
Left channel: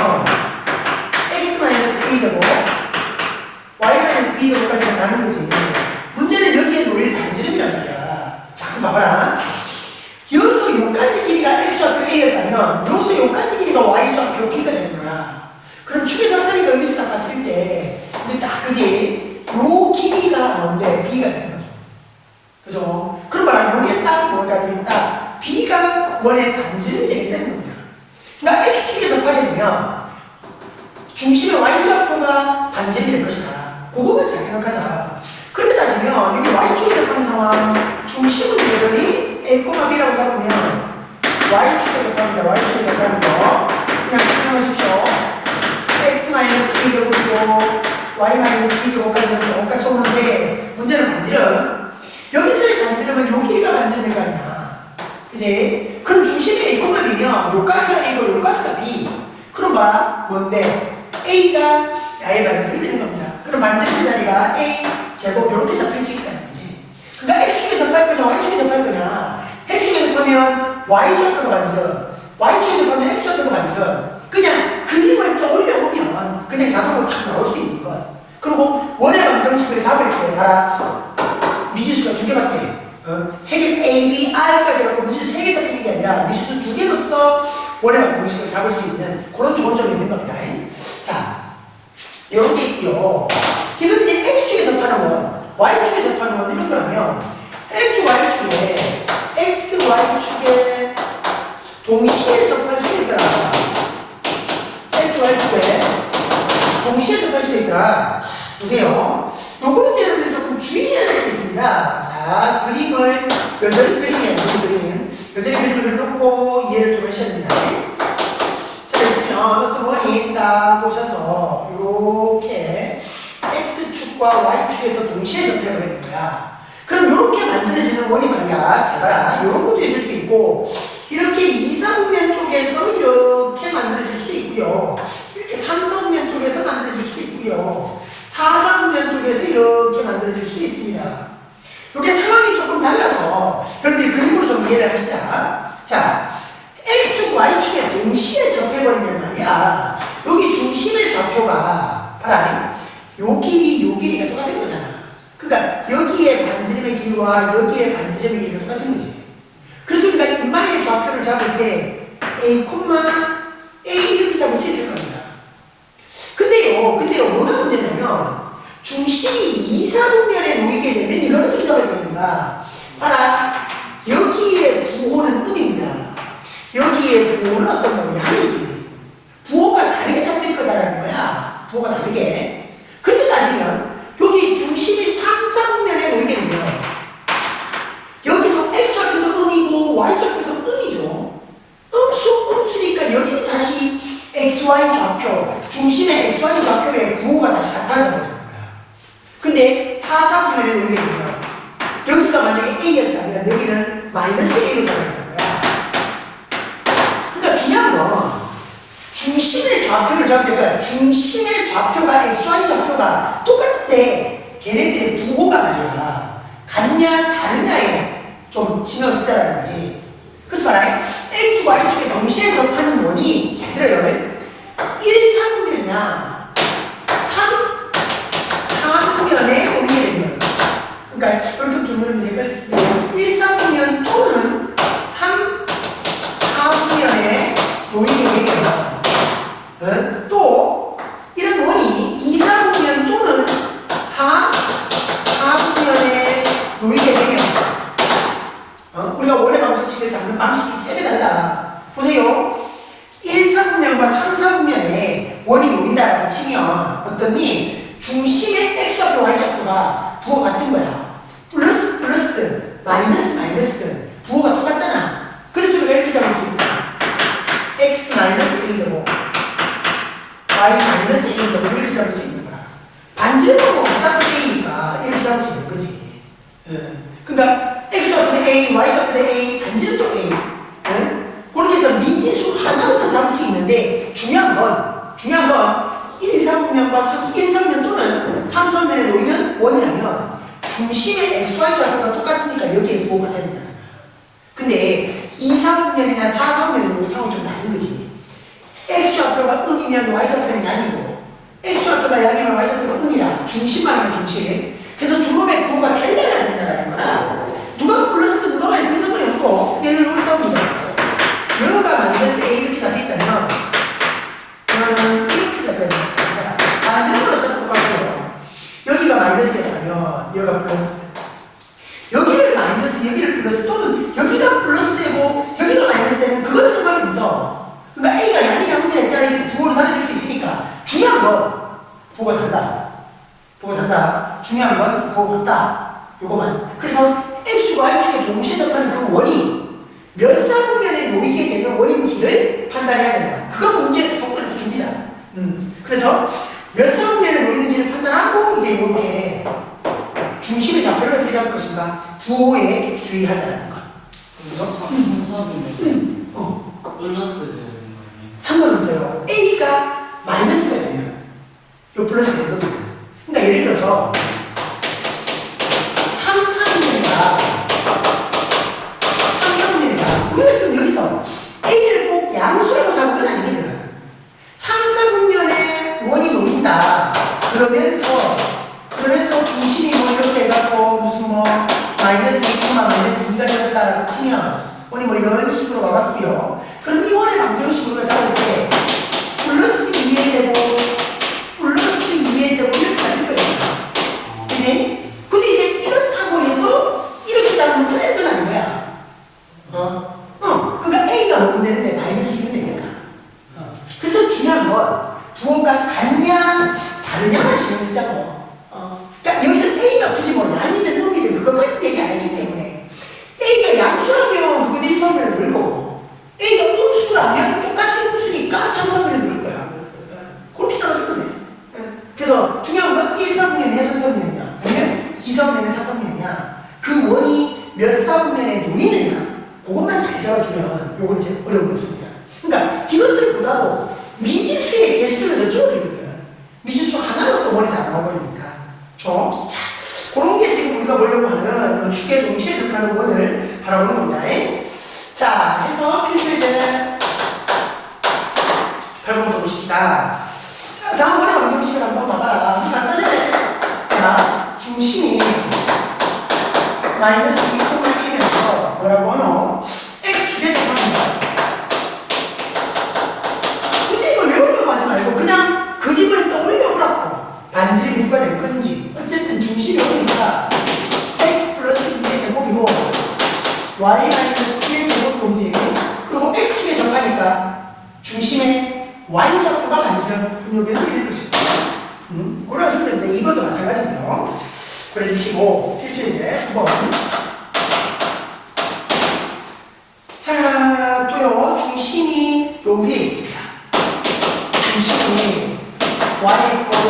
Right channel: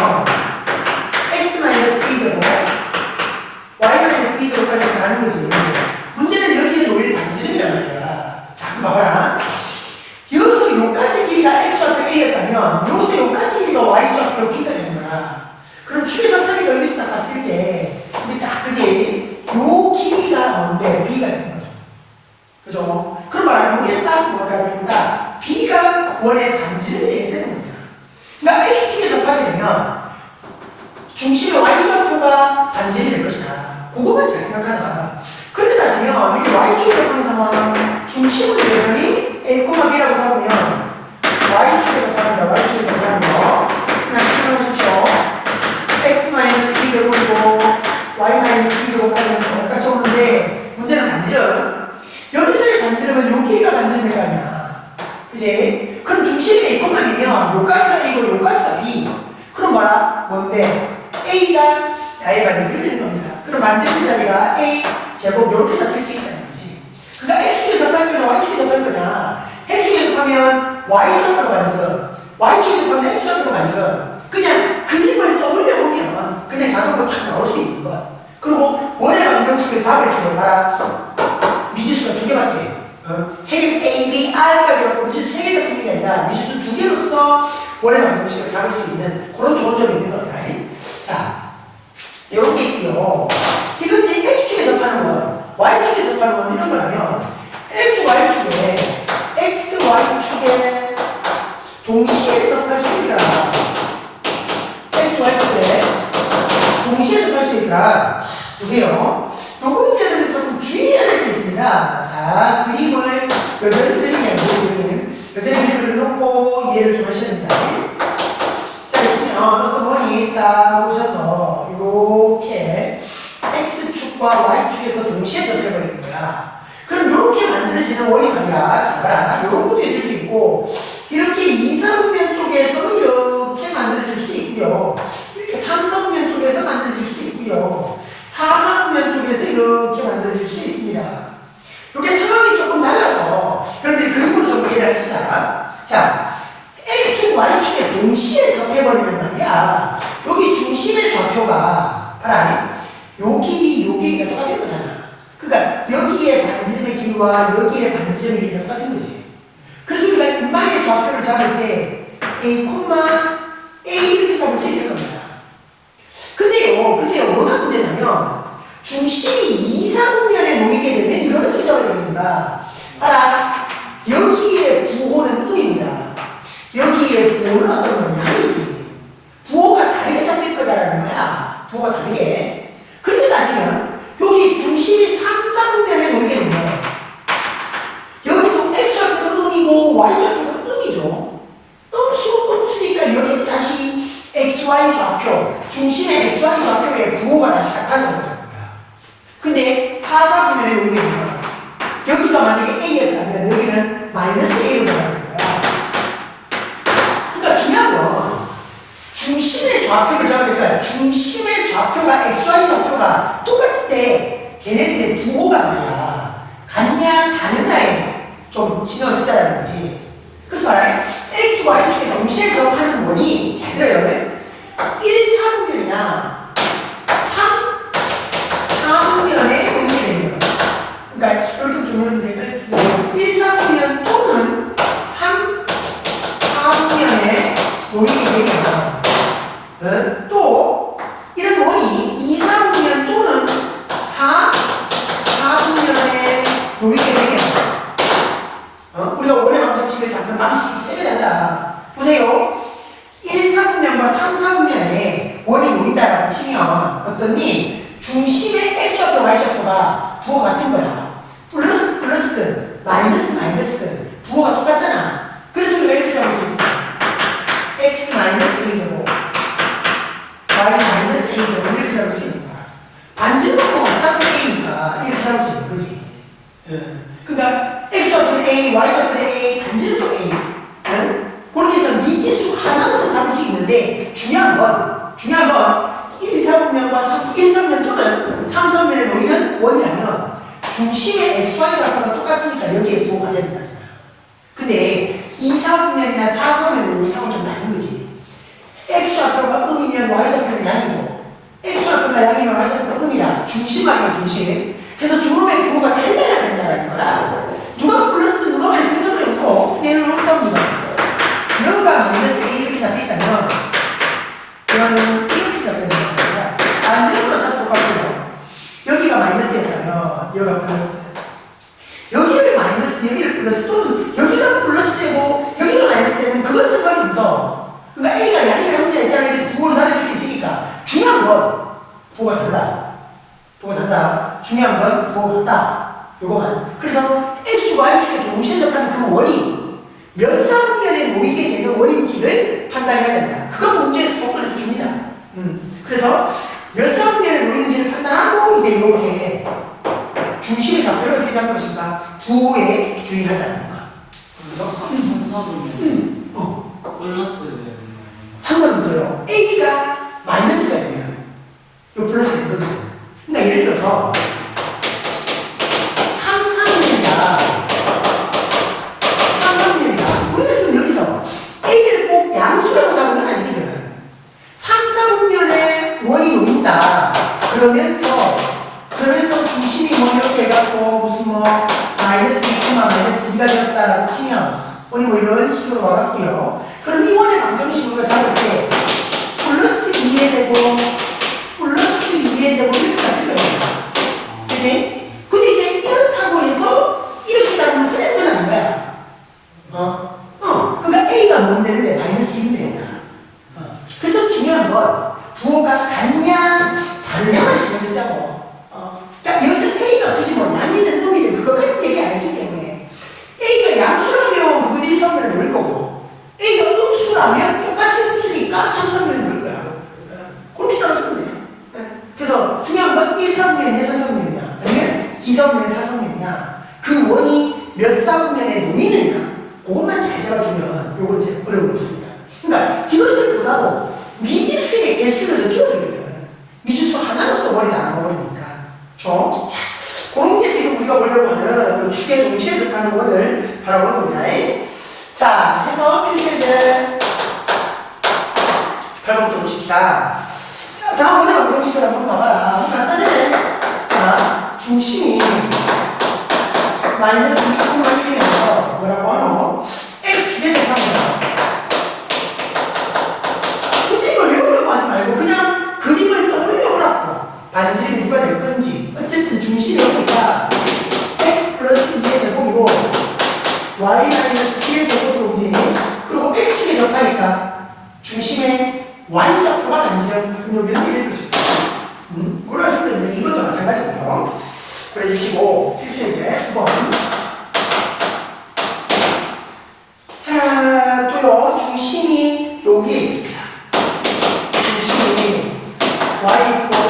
x-a제곱 y-b제곱까지 가는 거지. 문제는 여기에 놓일 반지름이란 말이야. 자, 그럼 봐봐라. 여기서 요까지 길이가 x좌표 a였다면 여기서 요까지 길이가 y좌표 b가 되는 거야. 그럼 축의 접하니까 여기서 딱 봤을 때 근데 딱 그지? 요 길이가 뭔데 b가 되는 거죠. 그죠? 그럼 말하면 요게 딱 뭐가 되겠다? b가 원의 반지름이 되겠다는 겁니다. 그러니까 x축에 접하게 되면 중심의 y좌표가 반지름이 될 것이다. 그거만 잘 생각하자. 그렇게 따지면 이렇게 y축에 접하는 상황 중심은 여전히 a, b라고 잡으면 y축에 접합니다. y축에 접하는 거 그냥 생각하십시오. x-b제곱이고 y-b제곱까지 똑같이 오는데 문제는 반지름. 여기서의 반지름은 요 길이가 반지름일 거 아니야. 그치? 그럼 중심이 a, b면 요까지가 a고 요까지가 b. 그럼 뭐야? 뭔데? a가 야의 반지름이 되는 겁니다. 그럼 반지름 자리가 a 제곱 요렇게 잡힐 수 있다는 거지. 그러니까 x축에 접할 거냐 y축에 접할 거냐. x축에 접하면 y좌표가 반지름, y축에 접하면 x좌표가 반지름. 그냥 그림을 떠올려 보면 그냥 자동으로 탁 나올 수 있는 것. 그리고 원의 방정식을 잡을 때 봐라. 미지수가 두 개밖에. 세 개 A, B, R까지 갖고 미지수 세 개 잡히는 게 아니라 미지수 두 개로서 원의 방정식을 잡을 수 있는 그런 좋은 점이 있는 겁니다. 자, 이런 게 있고요. 이건 이제 x축에 접하는 원, y축에 접하는 원 이런 거라면 x, y축에 x, y축에 동시에 접할 수 있더라. x, y축에 동시에 접할 수 있더라. 자, 보세요. 요거 이제 조금 주의해야 될 게 있습니다. 자, 그림을 여전히 그리네요. 그림. 여전히 그림을 놓고 이해를 좀 하셔야 됩니다. 자, 있으면 어떤 원이 딱 보셔서 이렇게 x축과 y축에서 동시에 접해버리는 거야. 그럼 이렇게 만들어지는 원이 말이야. 잘 봐라. 이런 것도 있을 수 있고 이렇게 2, 3면 쪽에서 이렇게 만들어질 수도 있고요. 이렇게 3, 4면 쪽에서 만들어질 수도 있고요. 4, 3면 쪽에서 이렇게 만들어질 수도 있습니다. 이렇게 상황이 조금 달라서 여러분들이 그림으로 좀 이해를 하시자. 자, x축, y축에 동시에 접해버리면 말이야. 여기 중심의 좌표가 봐라. 요 길이가 똑같은 거잖아. 그러니까 여기에 반지름의 길이와 여기에 반지름의 길이가 똑같은 거지. 그래서 우리가 인마의 좌표를 잡을 때 a, a 이렇게 잡을 수 있을 겁니다. 근데요, 뭐가 문제냐면 중심이 2, 3면에 놓이게 되면 이걸 어떻게 잡아야 되겠는가? 봐라. 여기에 부호는 음입니다. 여기에 부호는 어떤 거냐? 양이지. 부호가 다르게 잡힐 거다라는 거야. 부호가 다르게. 그렇게 따지면 여기 중심이 3, 3면에 놓이게 되면 여기도 x좌표도 음이고 y좌표도 음이죠. 음수니까 여기 다시 xy 좌표, 중심의 xy 좌표의 부호가 다시 같아져 버리는 거야. 근데 4, 3면에 놓이게 되면 여기가 만약에 a였다면 여기는 마이너스 a로 잡아야 되는 거야. 그러니까 중요한 건 중심의 좌표를 잡을 때가 중심의 좌표가 xy 좌표가 똑같을 때 걔네들의 부호가 말이야 같냐 다르냐에 좀 신경 쓰자라는 거지. 그래서 말해 x, y축에 동시에 접하는 원이 잘 들어요. 1, 3면이냐 3면에 놓이게 되면 그러니까 이렇게 좀 1, 3면 또는 3, 4면에 놓이게 되면 또 이런 원이 2, 3면 또는 4, 4면에 놓이게 되면 우리가 원의 방정식을 잡는 방식이 쌤에 다르다. 보세요. 1, 3면과 3, 4면에 원이 놓인다라고 치면 어떠니? 중심의 x좌표, y좌표가 부호가 같은 거야. 플러스든 마이너스든 부호가 똑같잖아. 그래서 우리가 이렇게 잡을 수 있다. x-a제곱 y-a제곱 이렇게 잡을 수 있는 거야. 반지름은 뭐 어차피 a니까 그러니까 x좌표는 a, y좌표는 a, 반지는 또 a. 그렇게 해서 미지수 하나로서 잡을 수 있는데 중요한 건 1, 3면과 1, 3면 또는 3, 3면에 놓이는 원이라면 중심의 x, y 좌표가 똑같으니까 여기에 부호가 된다. 근데 2, 3면이나 4, 3면은 이 상황이 좀 다른 거지. x 좌표가 음이면 y 좌표는 양이고 x 좌표가 양이면 y 좌표가 음이야. 중심만 중심. 그래서 두 놈의 부호가 달라야 된다는 거라. 누가 플러스 누가 마이너스 그 놈이 없고 얘를 이렇게 합니다. 여가 마이너스 a 이렇게 잡혀있다면 그러면 이렇게 잡혀있는 거야. 반지름으로 잡고 똑같고요. 여기가 마이너스였다면 여기가 플러스. 여기를 마이너스 여기를 플러스 또는 여기가 플러스 되고 여기가 마이너스 되면 그건 상관이 없어. 그러니까 a가 양이냐 음이냐 있다는 이렇게 부호를 달아줄 수 있으니까 중요한 건 부호가 달라. 부호가 달라. 중요한 건 부호가 같다. 요거만. 그래서 x축과 y축에 동시에 접하는 그 원이 몇 사분면에 놓이게 되는 원인지를 판단해야 된다. 그건 문제에서 조건에서 줍니다. 그래서 몇 사분면에 놓이는지를 판단하고 이제 이렇게 중심의 좌표를 어떻게 잡을 것인가 부호에 주의하자는 거. 그래서 3사분면 플러스 되는 거예요. 상관없어요. a가 마이너스가 되면 요 플러스가 된 겁니다. 그러니까 예를 들어서 3사분면이다. 우리가 지금 여기서 a를 꼭 양수라고 잡은 건 아니거든. 3, 4분면에 원이 놓인다. 그러면서 중심이 뭐 이렇게 해갖고 무슨 뭐 마이너스 2, 마이너스 2가 되었다라고 치면 원이 뭐 이런 식으로 와갖고요. 그럼 이 원의 방정식으로 잡을 때 플러스 2의 제곱 플러스 2의 제곱 이렇게 잡힐 거잖아. 그치? 근데 이제 이렇다고 해서 이렇게 잡으면 틀린 건 아닌 거야. 그러니까 a가 뭐면 되는데 마이너스 1은 되니까. 그래서 중요한 건 부호가 같냐 다르냐만 신경 쓰자고. 그러니까 여기서 a가 굳이 뭐 양이든 음이든 그것까지 얘기 안 했기 때문에 a가 양수라면 그건 1, 3면에 넣을 거고 a가 음수라면 똑같이 음수니까 3, 3면에 넣을 거야. 그렇게 잡아주면 돼. 그래서 중요한 건 1, 3면이냐 3, 3면이냐 아니면 2, 3면이냐 4, 3면이냐 그 원이 몇 4분면에 놓이느냐 그것만 잘 잡아주면 요건 이제 어려움이 없습니다. 그러니까 이것들보다도 미지수의 개수를 줄여주거든. 미지수 하나로서 원이 다 나와버리니까. 자, 그런 게 지금 우리가 보려고 하는 요 축의 동시에 접하는 원을 바라보는 겁니다. 자, 해서 필수예제 8번부터 보십시다. 자, 다음 원의 방정식을 한번 봐봐라. 간단해. 자, 중심이 마이너스 2,1이면서 뭐라고 하노? x축에 접합니다. 굳이 이걸 외우려고 하지 말고 그냥 그림을 떠올려보라고. 반지름이 누가 될 건지. 어쨌든 중심이 여기니까 x 플러스 2의 제곱이고 y 마이너스 1의 제곱이지. 그리고 x축에 접하니까 중심에 y좌표가 반지름. 그럼 여기는 1을 그죠. 그래가지고 되는데 이것도 마찬가지고요. 그래주시고 필수예제 9번. 자, 또요 중심이 요 위에 있습니다. 중심이 y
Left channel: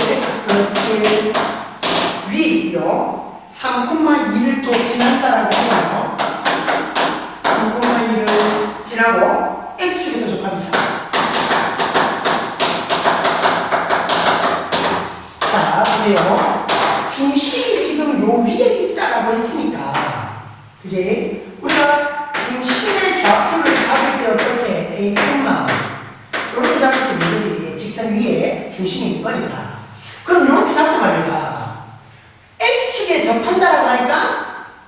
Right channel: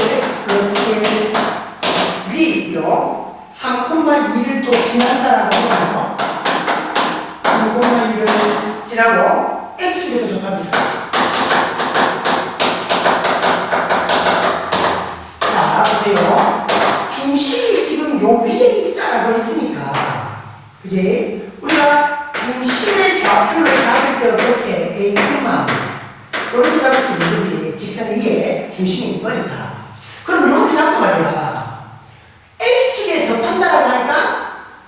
x 플러스 1 위에 있고요. 3,2를 또 지났다라고 하면 3,2를 지나고 x축에 또 접합니다. 자, 보세요. 중심이 지금 요 위에 있다라고 했으니까 그지? 우리가 중심의 좌표를 잡을 때 어떻게 A, 이렇게 잡을 수 있는 거지. 직선 위에 중심이 있는 거니까. 그럼 이렇게 잡고 말이야. X축에 접한다라고 하니까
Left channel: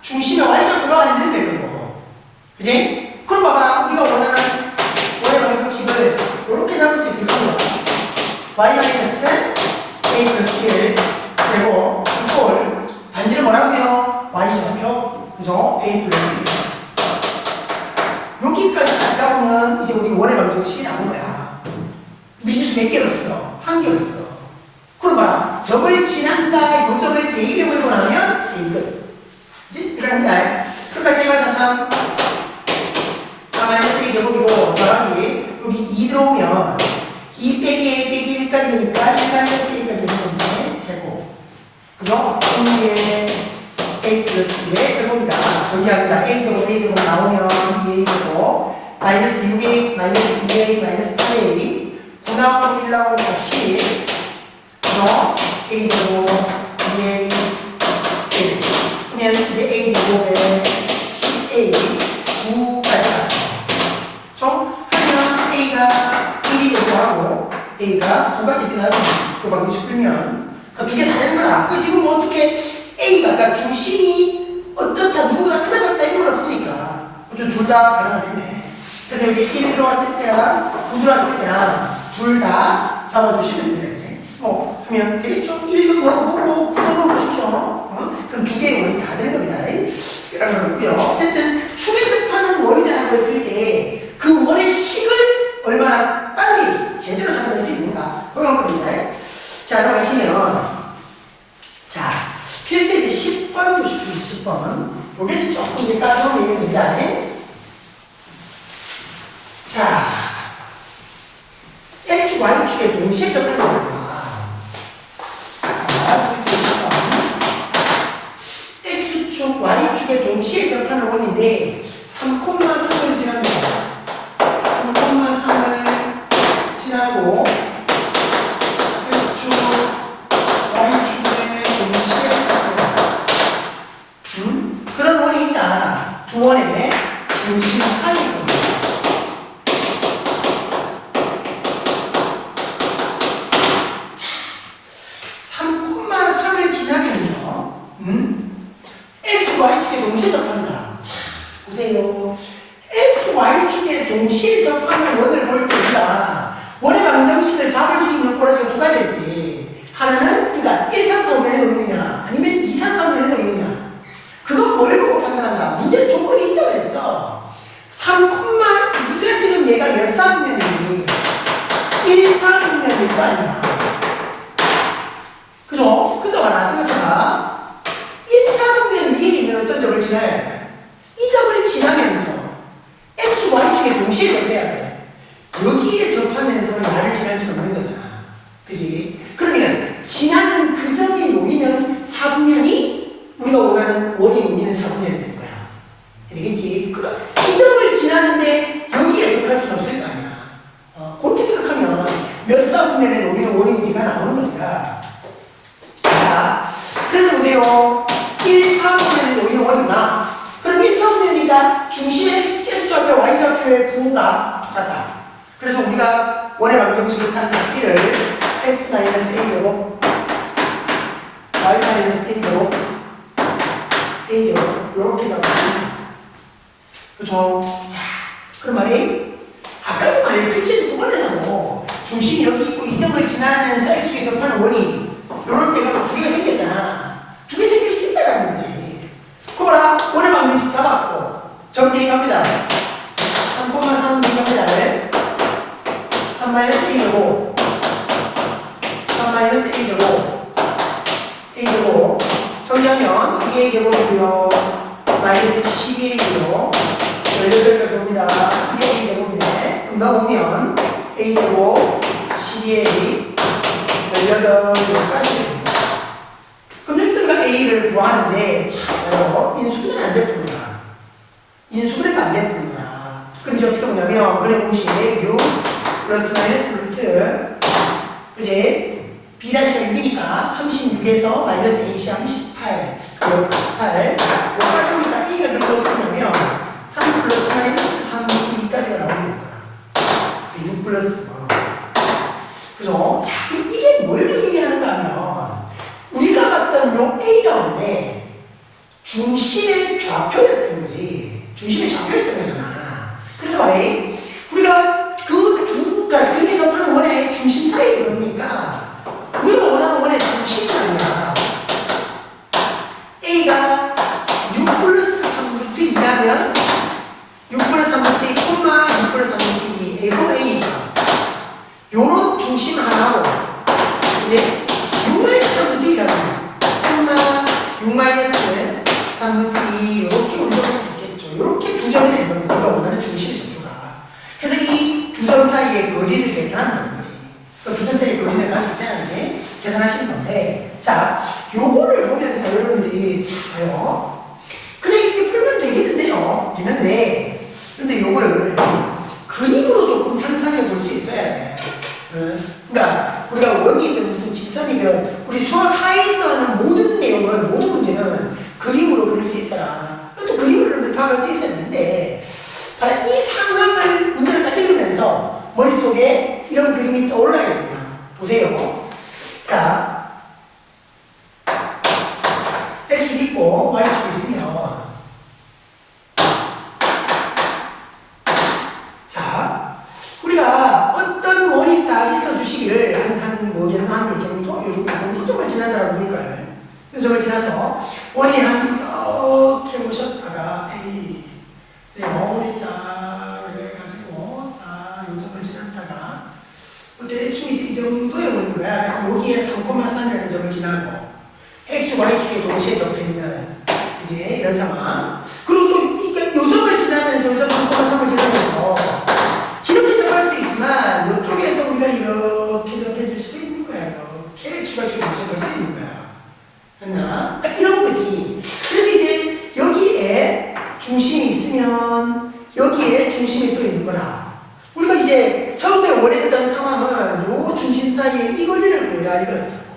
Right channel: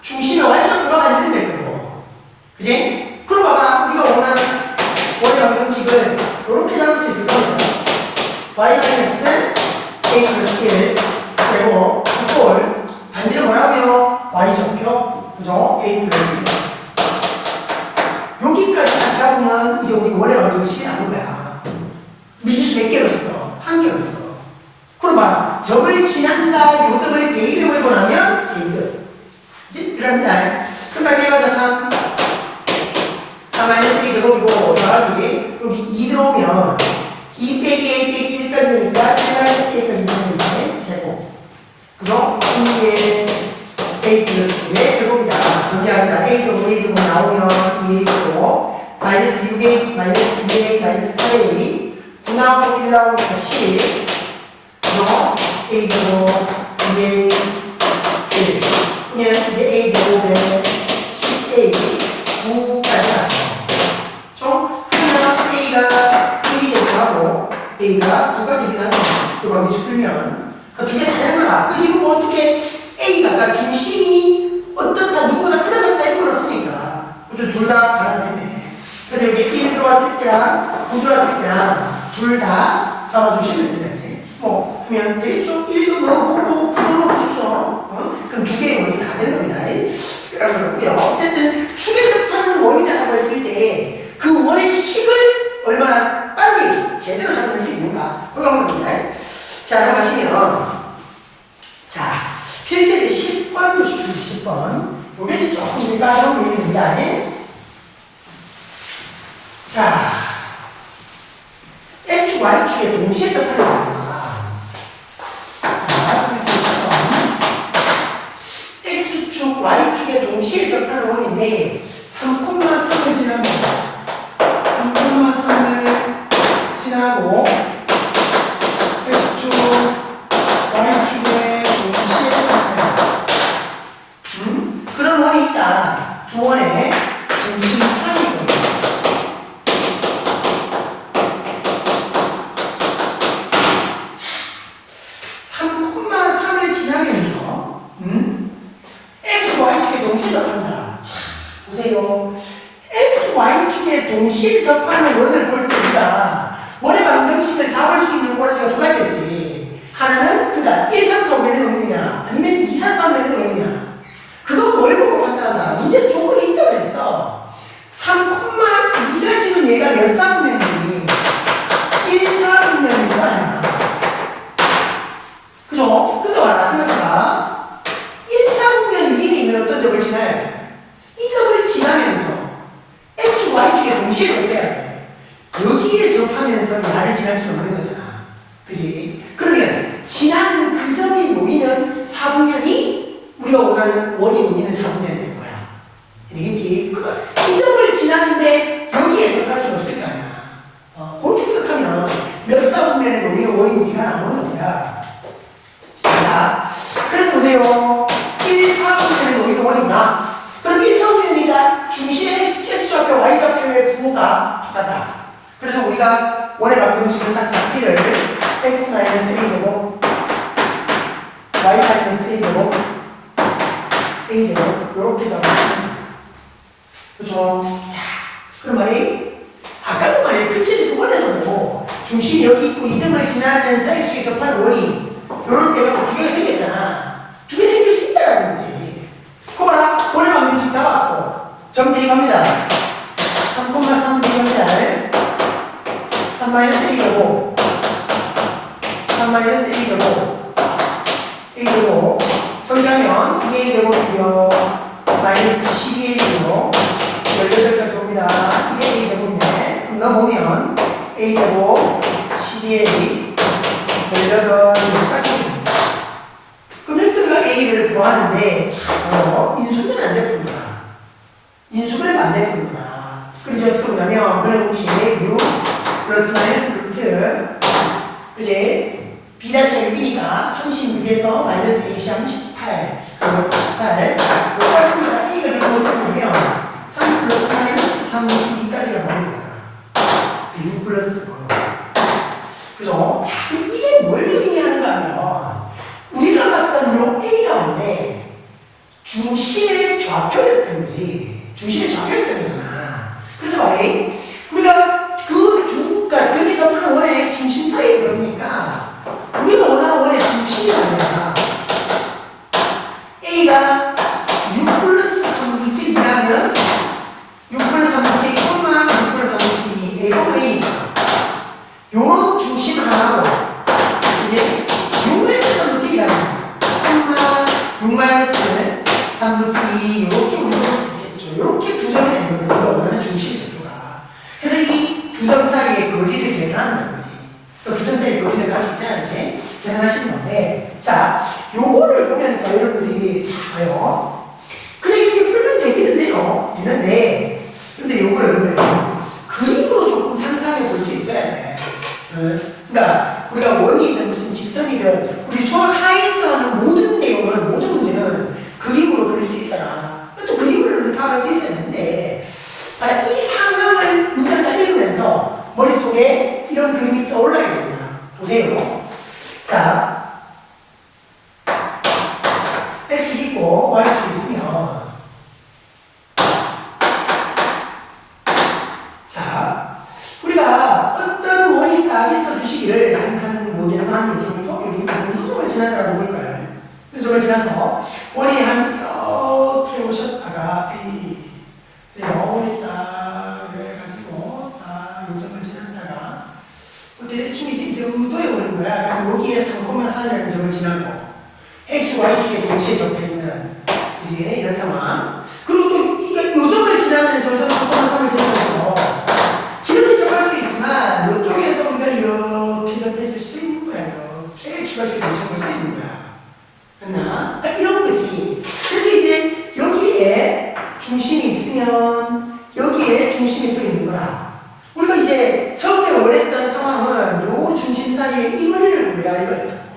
중심의 Y좌표가 완전히 될 거고. 그지? 그럼 봐봐. 우리가 원하는 원의 방정식을 이렇게 잡을 수 있을 거예요. Y 마이너스 A 플러스 1 제곱 이걸 반지름 뭐라고요? Y좌표 그죠? A 플러스 1 여기까지 딱 잡으면 이제 우리 원의 방정식이 나온 거야. 미지수 몇 개로 써? 한 개로 써. 그럼 봐. 점을 지난다. 요 점을 대입해버리고 나면 대입. 그치? 이랍니다. 그럼 다 대입하자. 3 마이너스 A 제곱이고 더하기 여기 2 들어오면 2 빼기 A 빼기 1까지 되니까 1 마이너스 A까지 되는 이제 제곱. 그죠? 2에 A 플러스 2의 제곱이다. 정리합니다. A 제곱 나오면 2A 제곱 마이너스 6A 마이너스 2A 마이너스 8A 9 나오고 1 나오니까 10 그럼 A 제곱 2A 1 그러면 이제 A 제곱에 10A 9까지 갔어요. 그렇죠? 하면 A가 1이 되기도 하고 A가 9가 되기도 하고 그 방식 풀면 그 두 개 다 되는 거라. 그 지금 뭐 어떻게 A가 그러니까 중심이 어떻다 누구보다 크다 작다 이런 건 없으니까 둘 다 가능하겠네. 그래서 여기 1 들어왔을 때랑 9 들어왔을 때랑 둘 다 잡아주시면 됩니다. 이제 뭐 하면 되겠죠? 1도 넣어보고 9도 넣어보십시오. 그럼 두 개의 원이 다 되는 겁니다. 이런 거고요. 어쨌든 축에 접하는 원이라고 했을 때 그 원의 식을 얼마나 빨리 제대로 잡을 수 있는가 그런 겁니다. 자, 들어가시면 자, 필수 이제 10번 보십시오. 10번 요게 이제 조금 이제 까다로운 얘기입니다. 자, X, Y축에 동시에 접하는 겁니다. 자, 필수 10번 X축, Y축에 동시에 접하는 원인데 3,3을 지납니다. 3,3을 지나고 X축, Y축에 동시에 접해요. 그런 원이 있다. 두 원의 중심 사이일 겁니다. 자, 3,3을 지나면서 X, Y축에 동시에 접한다. 자, 보세요. X, Y축에 동시에 접하는 원을 볼 때 우리가 원의 방정식을 잡을 수 있는 꼬라지가 두 가지였지. 하나는 그러니까 1, 3, 4, 5면에 있느냐 아니면 2, 4, 3면에 있느냐. 그건 뭘 보고 판단한다. 문제에서 조건이 있다고 그랬어. 3,2가 지금 얘가 몇 3면이니 1, 4면일 거 아니야. 그죠? 그러니까 말아 생각해봐. 1, 3면 위에 있는 어떤 점을 지나야 돼. 이 점을 지나면서 X, Y축에 동시에 접해야 돼. 여기에 접하면서 나를 지날 수는 없는 거잖아. 그지? 그러면 지나는 그 점이 놓이는 사분면이 우리가 원하는 원이 놓이는 사분면이 될 거야. 되겠지? 그러니까 이 점을 지나는데 여기에 접할 수는 없을 거 아니야. 그렇게 생각하면 몇 사분면에 놓이는 원인지가 나오는 거야. 자, 그래서 보세요. 1, 4분면에 놓이는 원이구나. 그럼 1, 4분면이니까 중심의 X좌표, Y좌표의 부호가 똑같다. 그래서 우리가 원의 방정식을 딱 잡기를 x-a제곱 y-a제곱 a제곱 이렇게 잡았습니다. 그렇죠? 자, 그럼 말이 아까도 말이에요. 필수의 9번에서도 중심이 여기 있고 이 점을 지나면서 x축에 접하는 원이 이럴 때가 두 개가 생겼잖아. 두 개 생길 수 있다라는 거지. 그거나 원의 방정식 잡았고 점 대입합니다. 3,3 대입합니다. 3-a제곱 3-a제곱 a제곱 정리하면 2a제곱이고요 마이너스 12a제곱 18까지 옵니다. 2a제곱이네. 그럼 넣어보면 a제곱 12a 18까지 옵니다. 그럼 x가 a를 구하는데 참 인수분해는 안 돼 푸는구나. 인수분해가 안 돼 푸는구나. 그럼 이제 어떻게 보냐면 그래 공식에 6 플러스 마이너스 루트 그지? B'가 6이니까 36에서 마이너스 A 시항 18 그럼 18 요까지니까 A가 이렇게 어떻게 되냐면 3 플러스 마이너스 3 2까지가 나오게 되잖아. 6 플러스 그죠? 자, 이게 뭘 의미하는가 하면 우리가 봤던 요 A 가운데 중심의 좌표였던 거지. 중심의 좌표였던 거잖아. 그래서 봐요. 우리가 그 두 가지 그렇게 접하는 원의 중심 사이에 그러니까 우리가 원하는 원의 중심이 아니라 A가 6 플러스 3루트 2라면 6 플러스 3루트 2, 6 플러스 3루트 2, A니까 요런 중심 하나고 이제 6 마이너스 3루트 2라면 6 마이너스 3루트 2 이렇게 우리가 할 수 있겠죠. 이렇게 두 점이 되는 건데 우리가 원하는 중심이 저쪽가. 그래서 이 두 점 사이의 거리를 계산한다는 거지. 두 점 사이의 거리를 갈 수 있잖아요. 이제 계산하시는 건데 자, 요거를 보면서 자, 여러분들이 자요. 그래, 이렇게 풀면 되기는 돼요. 되는데, 근데 요거를 그림으로 조금 상상해 볼 수 있어야 돼. 그러니까 우리가 원이든 무슨 직선이든 우리 수학 하에서 하는 모든 내용은, 모든 문제는 그림으로 그릴 수 있어라. 또 그림으로 파악할 수 있어야 되는데, 이 상황을 문제를 딱 읽으면서 머릿속에 이런 그림이 떠올라야 됩니다. 보세요. 자, X축 있고 Y축 있으면, 자, 우리가 어떤 원이 딱 있어주시기를 요 정도 점을 지난다고 볼까요? 요 점을 지나서 원이 이렇게 오셨다가 원이 딱 그래가지고 딱 요 점을 지났다가 대충 이제 이 정도의 원인 거야. 여기에 3,3이라는 점을 지나고 X, Y축에 동시에 접해있는 이제 이런 상황. 그리고 또 이게 요 점을 지나면서 요 점 3,3을 지나면서 이렇게 접할 수 있지만 이쪽에서 우리가 이렇게 접해질 수도 있는 거야. 이렇게 추가축에 접할 수 있는 거야. 했나? 그러니까 이런 거지. 그래서 이제 여기에 중심이 있으면 여기에 중심이 또 있는 거라. 우리가 이제 처음에 원했던 상황은 요 중심 사이에 이 거리를 구해라 이거였다고.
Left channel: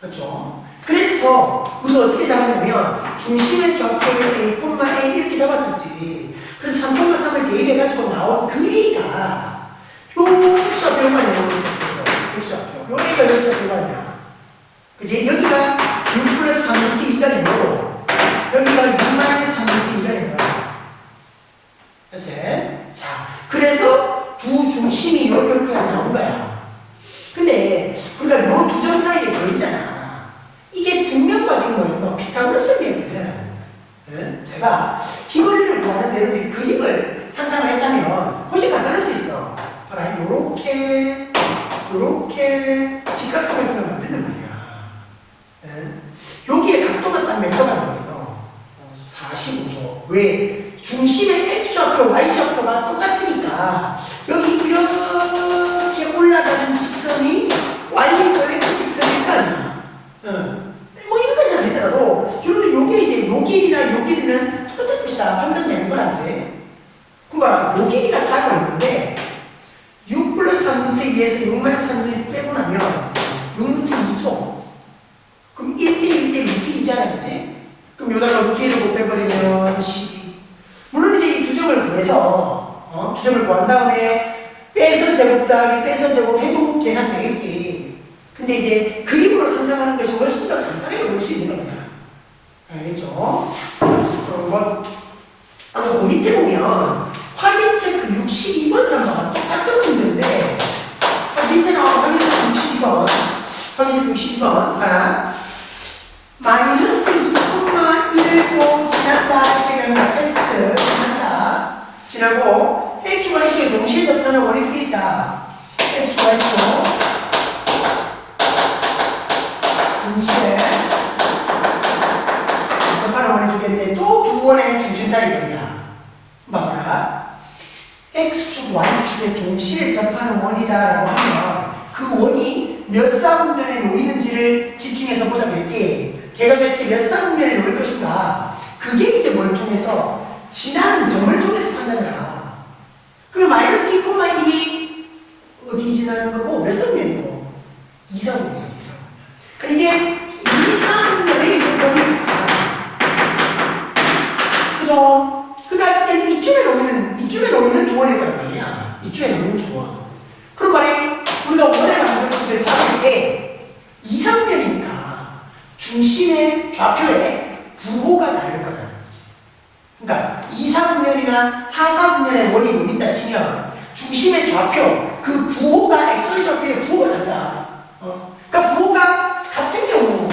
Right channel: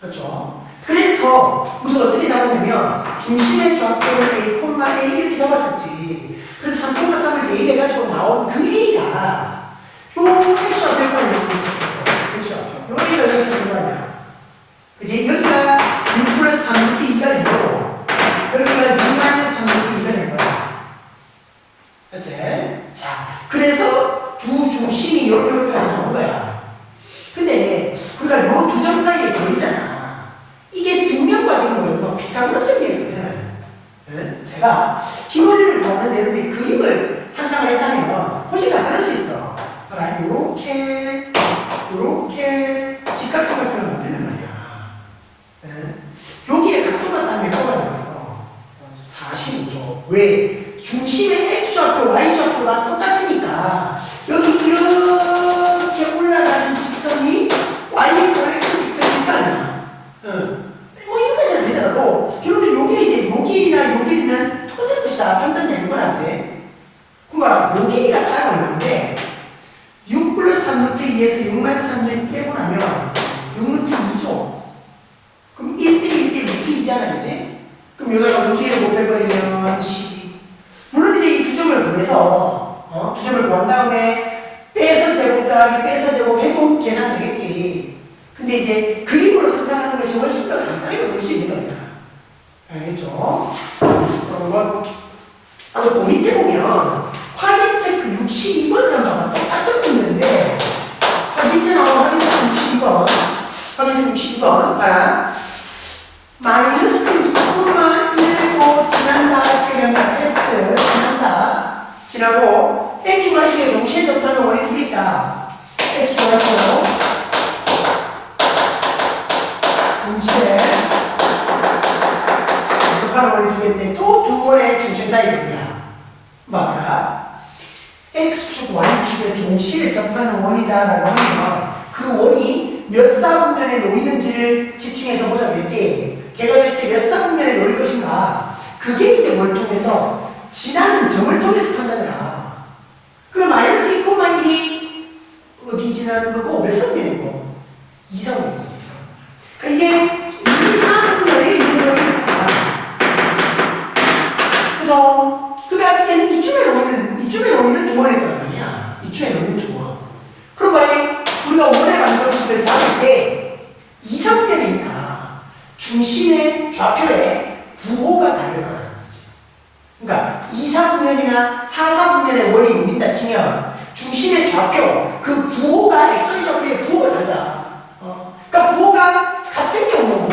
그렇죠? 그래서 우리가 어떻게 잡았냐면 중심의 좌표를 A, A 이렇게 잡았었지. 그래서 3,3을 대입해가지고 나온 그 A가 요 X좌표 얼마냐 이렇게 있었고 X좌표. 요 A가 몇 X좌표 얼마냐. 그치? 여기가 6 플러스 3루트 2가 된 거고 여기가 6 마이너스 3루트 2가 된 거야. 그치? 자, 그래서 두 중심이 여기까지 나온 거야. 근데 우리가 요 두 점 사이에 거리잖아. 이게 증명과 증명은 피타고라스 비례거든. 제가 이 거리를 구하는 여러분들이 그림을 상상을 했다면 훨씬 간단할 수 있어. 봐라, 요렇게 직각삼각형을 만든단 말이야. 여기에 각도가 딱 몇 도가 되거든? 45도. 왜? 중심의 X좌표, Y좌표가 똑같으니까 여기 이렇게 올라가는 직선이 Y이고 X 직선일 거 아니야. 뭐 이거까지는 아니더라도 여러분들 요게 이제 요 길이나 요 길이면 똑같은 것이다 판단되는 거라 이제. 그러니까 요 길이가 딱 얼마인데 6 플러스 3루트 2에서 6 마이너스 3루트 빼고 나면 6루트 2죠. 그럼 1대 1대 루트 2잖아, 그지? 그럼 여기다가 루트 1을 곱해버리면 12. 물론 이제 이 두 점을 구해서, 두 점을 구한 다음에 빼서 제곱 더하기 빼서 제곱 해도 계산되겠지. 근데 이제 그림으로 상상하는 것이 훨씬 더 간단하게 볼 수 있는 겁니다. 알겠죠? 자, 그 밑에 보면 확인 체크 62번을 한번 봐봐. 똑같은 문제인데, 밑에 나온 확인 체크 62번. 확인 체크 62번. 봐라. 마이너스 2,1고 지난다 이렇게 됩니다. 패스트 지난다 지나고 X, Y축에 동시에 접하는 원이 두 개 있다. X, Y축 동시에 접하는 원이 두 개인데 또 두 원의 중심 사이 거리야. 봐봐. X축, Y축에 동시에 접하는 원이다라고 하면 그 원이 몇 사분면에 놓이는지를 집중해서 보자 그랬지. 걔가 대체 몇 사분면에 놓일 것인가. 그게 이제 뭘 통해서 지나는 점을 통해서 판단을 하라. 그럼 마이너스 2,1이 어디 지나는 거고 몇 사분면이고 2사분면이지. 그러니까 이게 2사분면에 있는 점이니까. 그죠? 그러니까 이쯤에 놓이는 두 원일 거란 말이야. 이쯤에 놓이는 두 원. 그럼 만약에 우리가 원의 방정식을 잡을 때 2사분면이니까 중심의 좌표에 부호가 다를 거라는 거지. 그러니까 2사분면이나 4사분면의 원이 놓인다 치면 중심의 좌표, 그 부호가 xy 좌표의 부호가 다르다. 그러니까 부호가 같은 경우,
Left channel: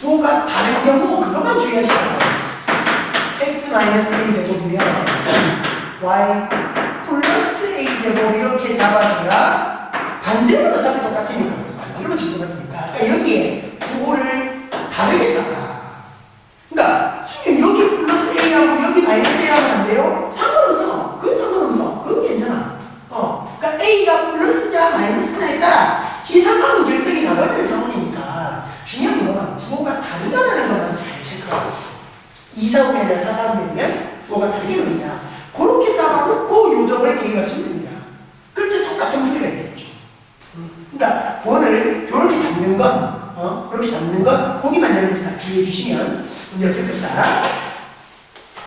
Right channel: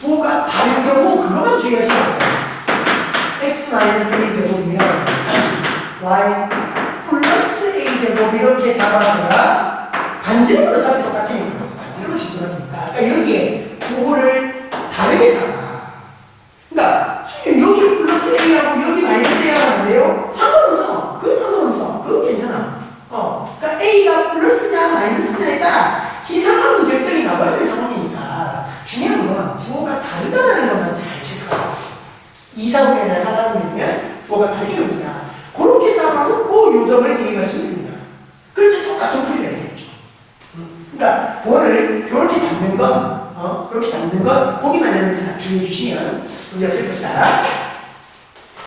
부호가 다른 경우 그것만 주의하시면 x-a 제곱이면 y 플러스 a 제곱 이렇게 잡아줘야 반지름으로 잡을 똑같으니까. 반지름으로 잡을 똑같으니까. 그러니까 여기에 부호를 다르게 잡아. 그러니까 여기 플러스 A하고 여기 마이너스 A하고 안 돼요? 상관없어. 그건 상관없어. 그건 괜찮아. 그러니까 A가 플러스냐 마이너스냐에 따라 이 상황은 결정이 나버리는 상황이니까 중요한 건 부호가 다르다는 걸 2사분이 아니라 4사분이면 부호가 다르게 나옵니다. 그렇게 잡아놓고 요점을 대입하시면 됩니다. 그렇게 똑같은 풀이가 되겠죠. 그러니까 부호를 이렇게 잡는 것, 그렇게 잡는 것, 거기만 나는 다 주의해 주시면 문제 없을 것이다.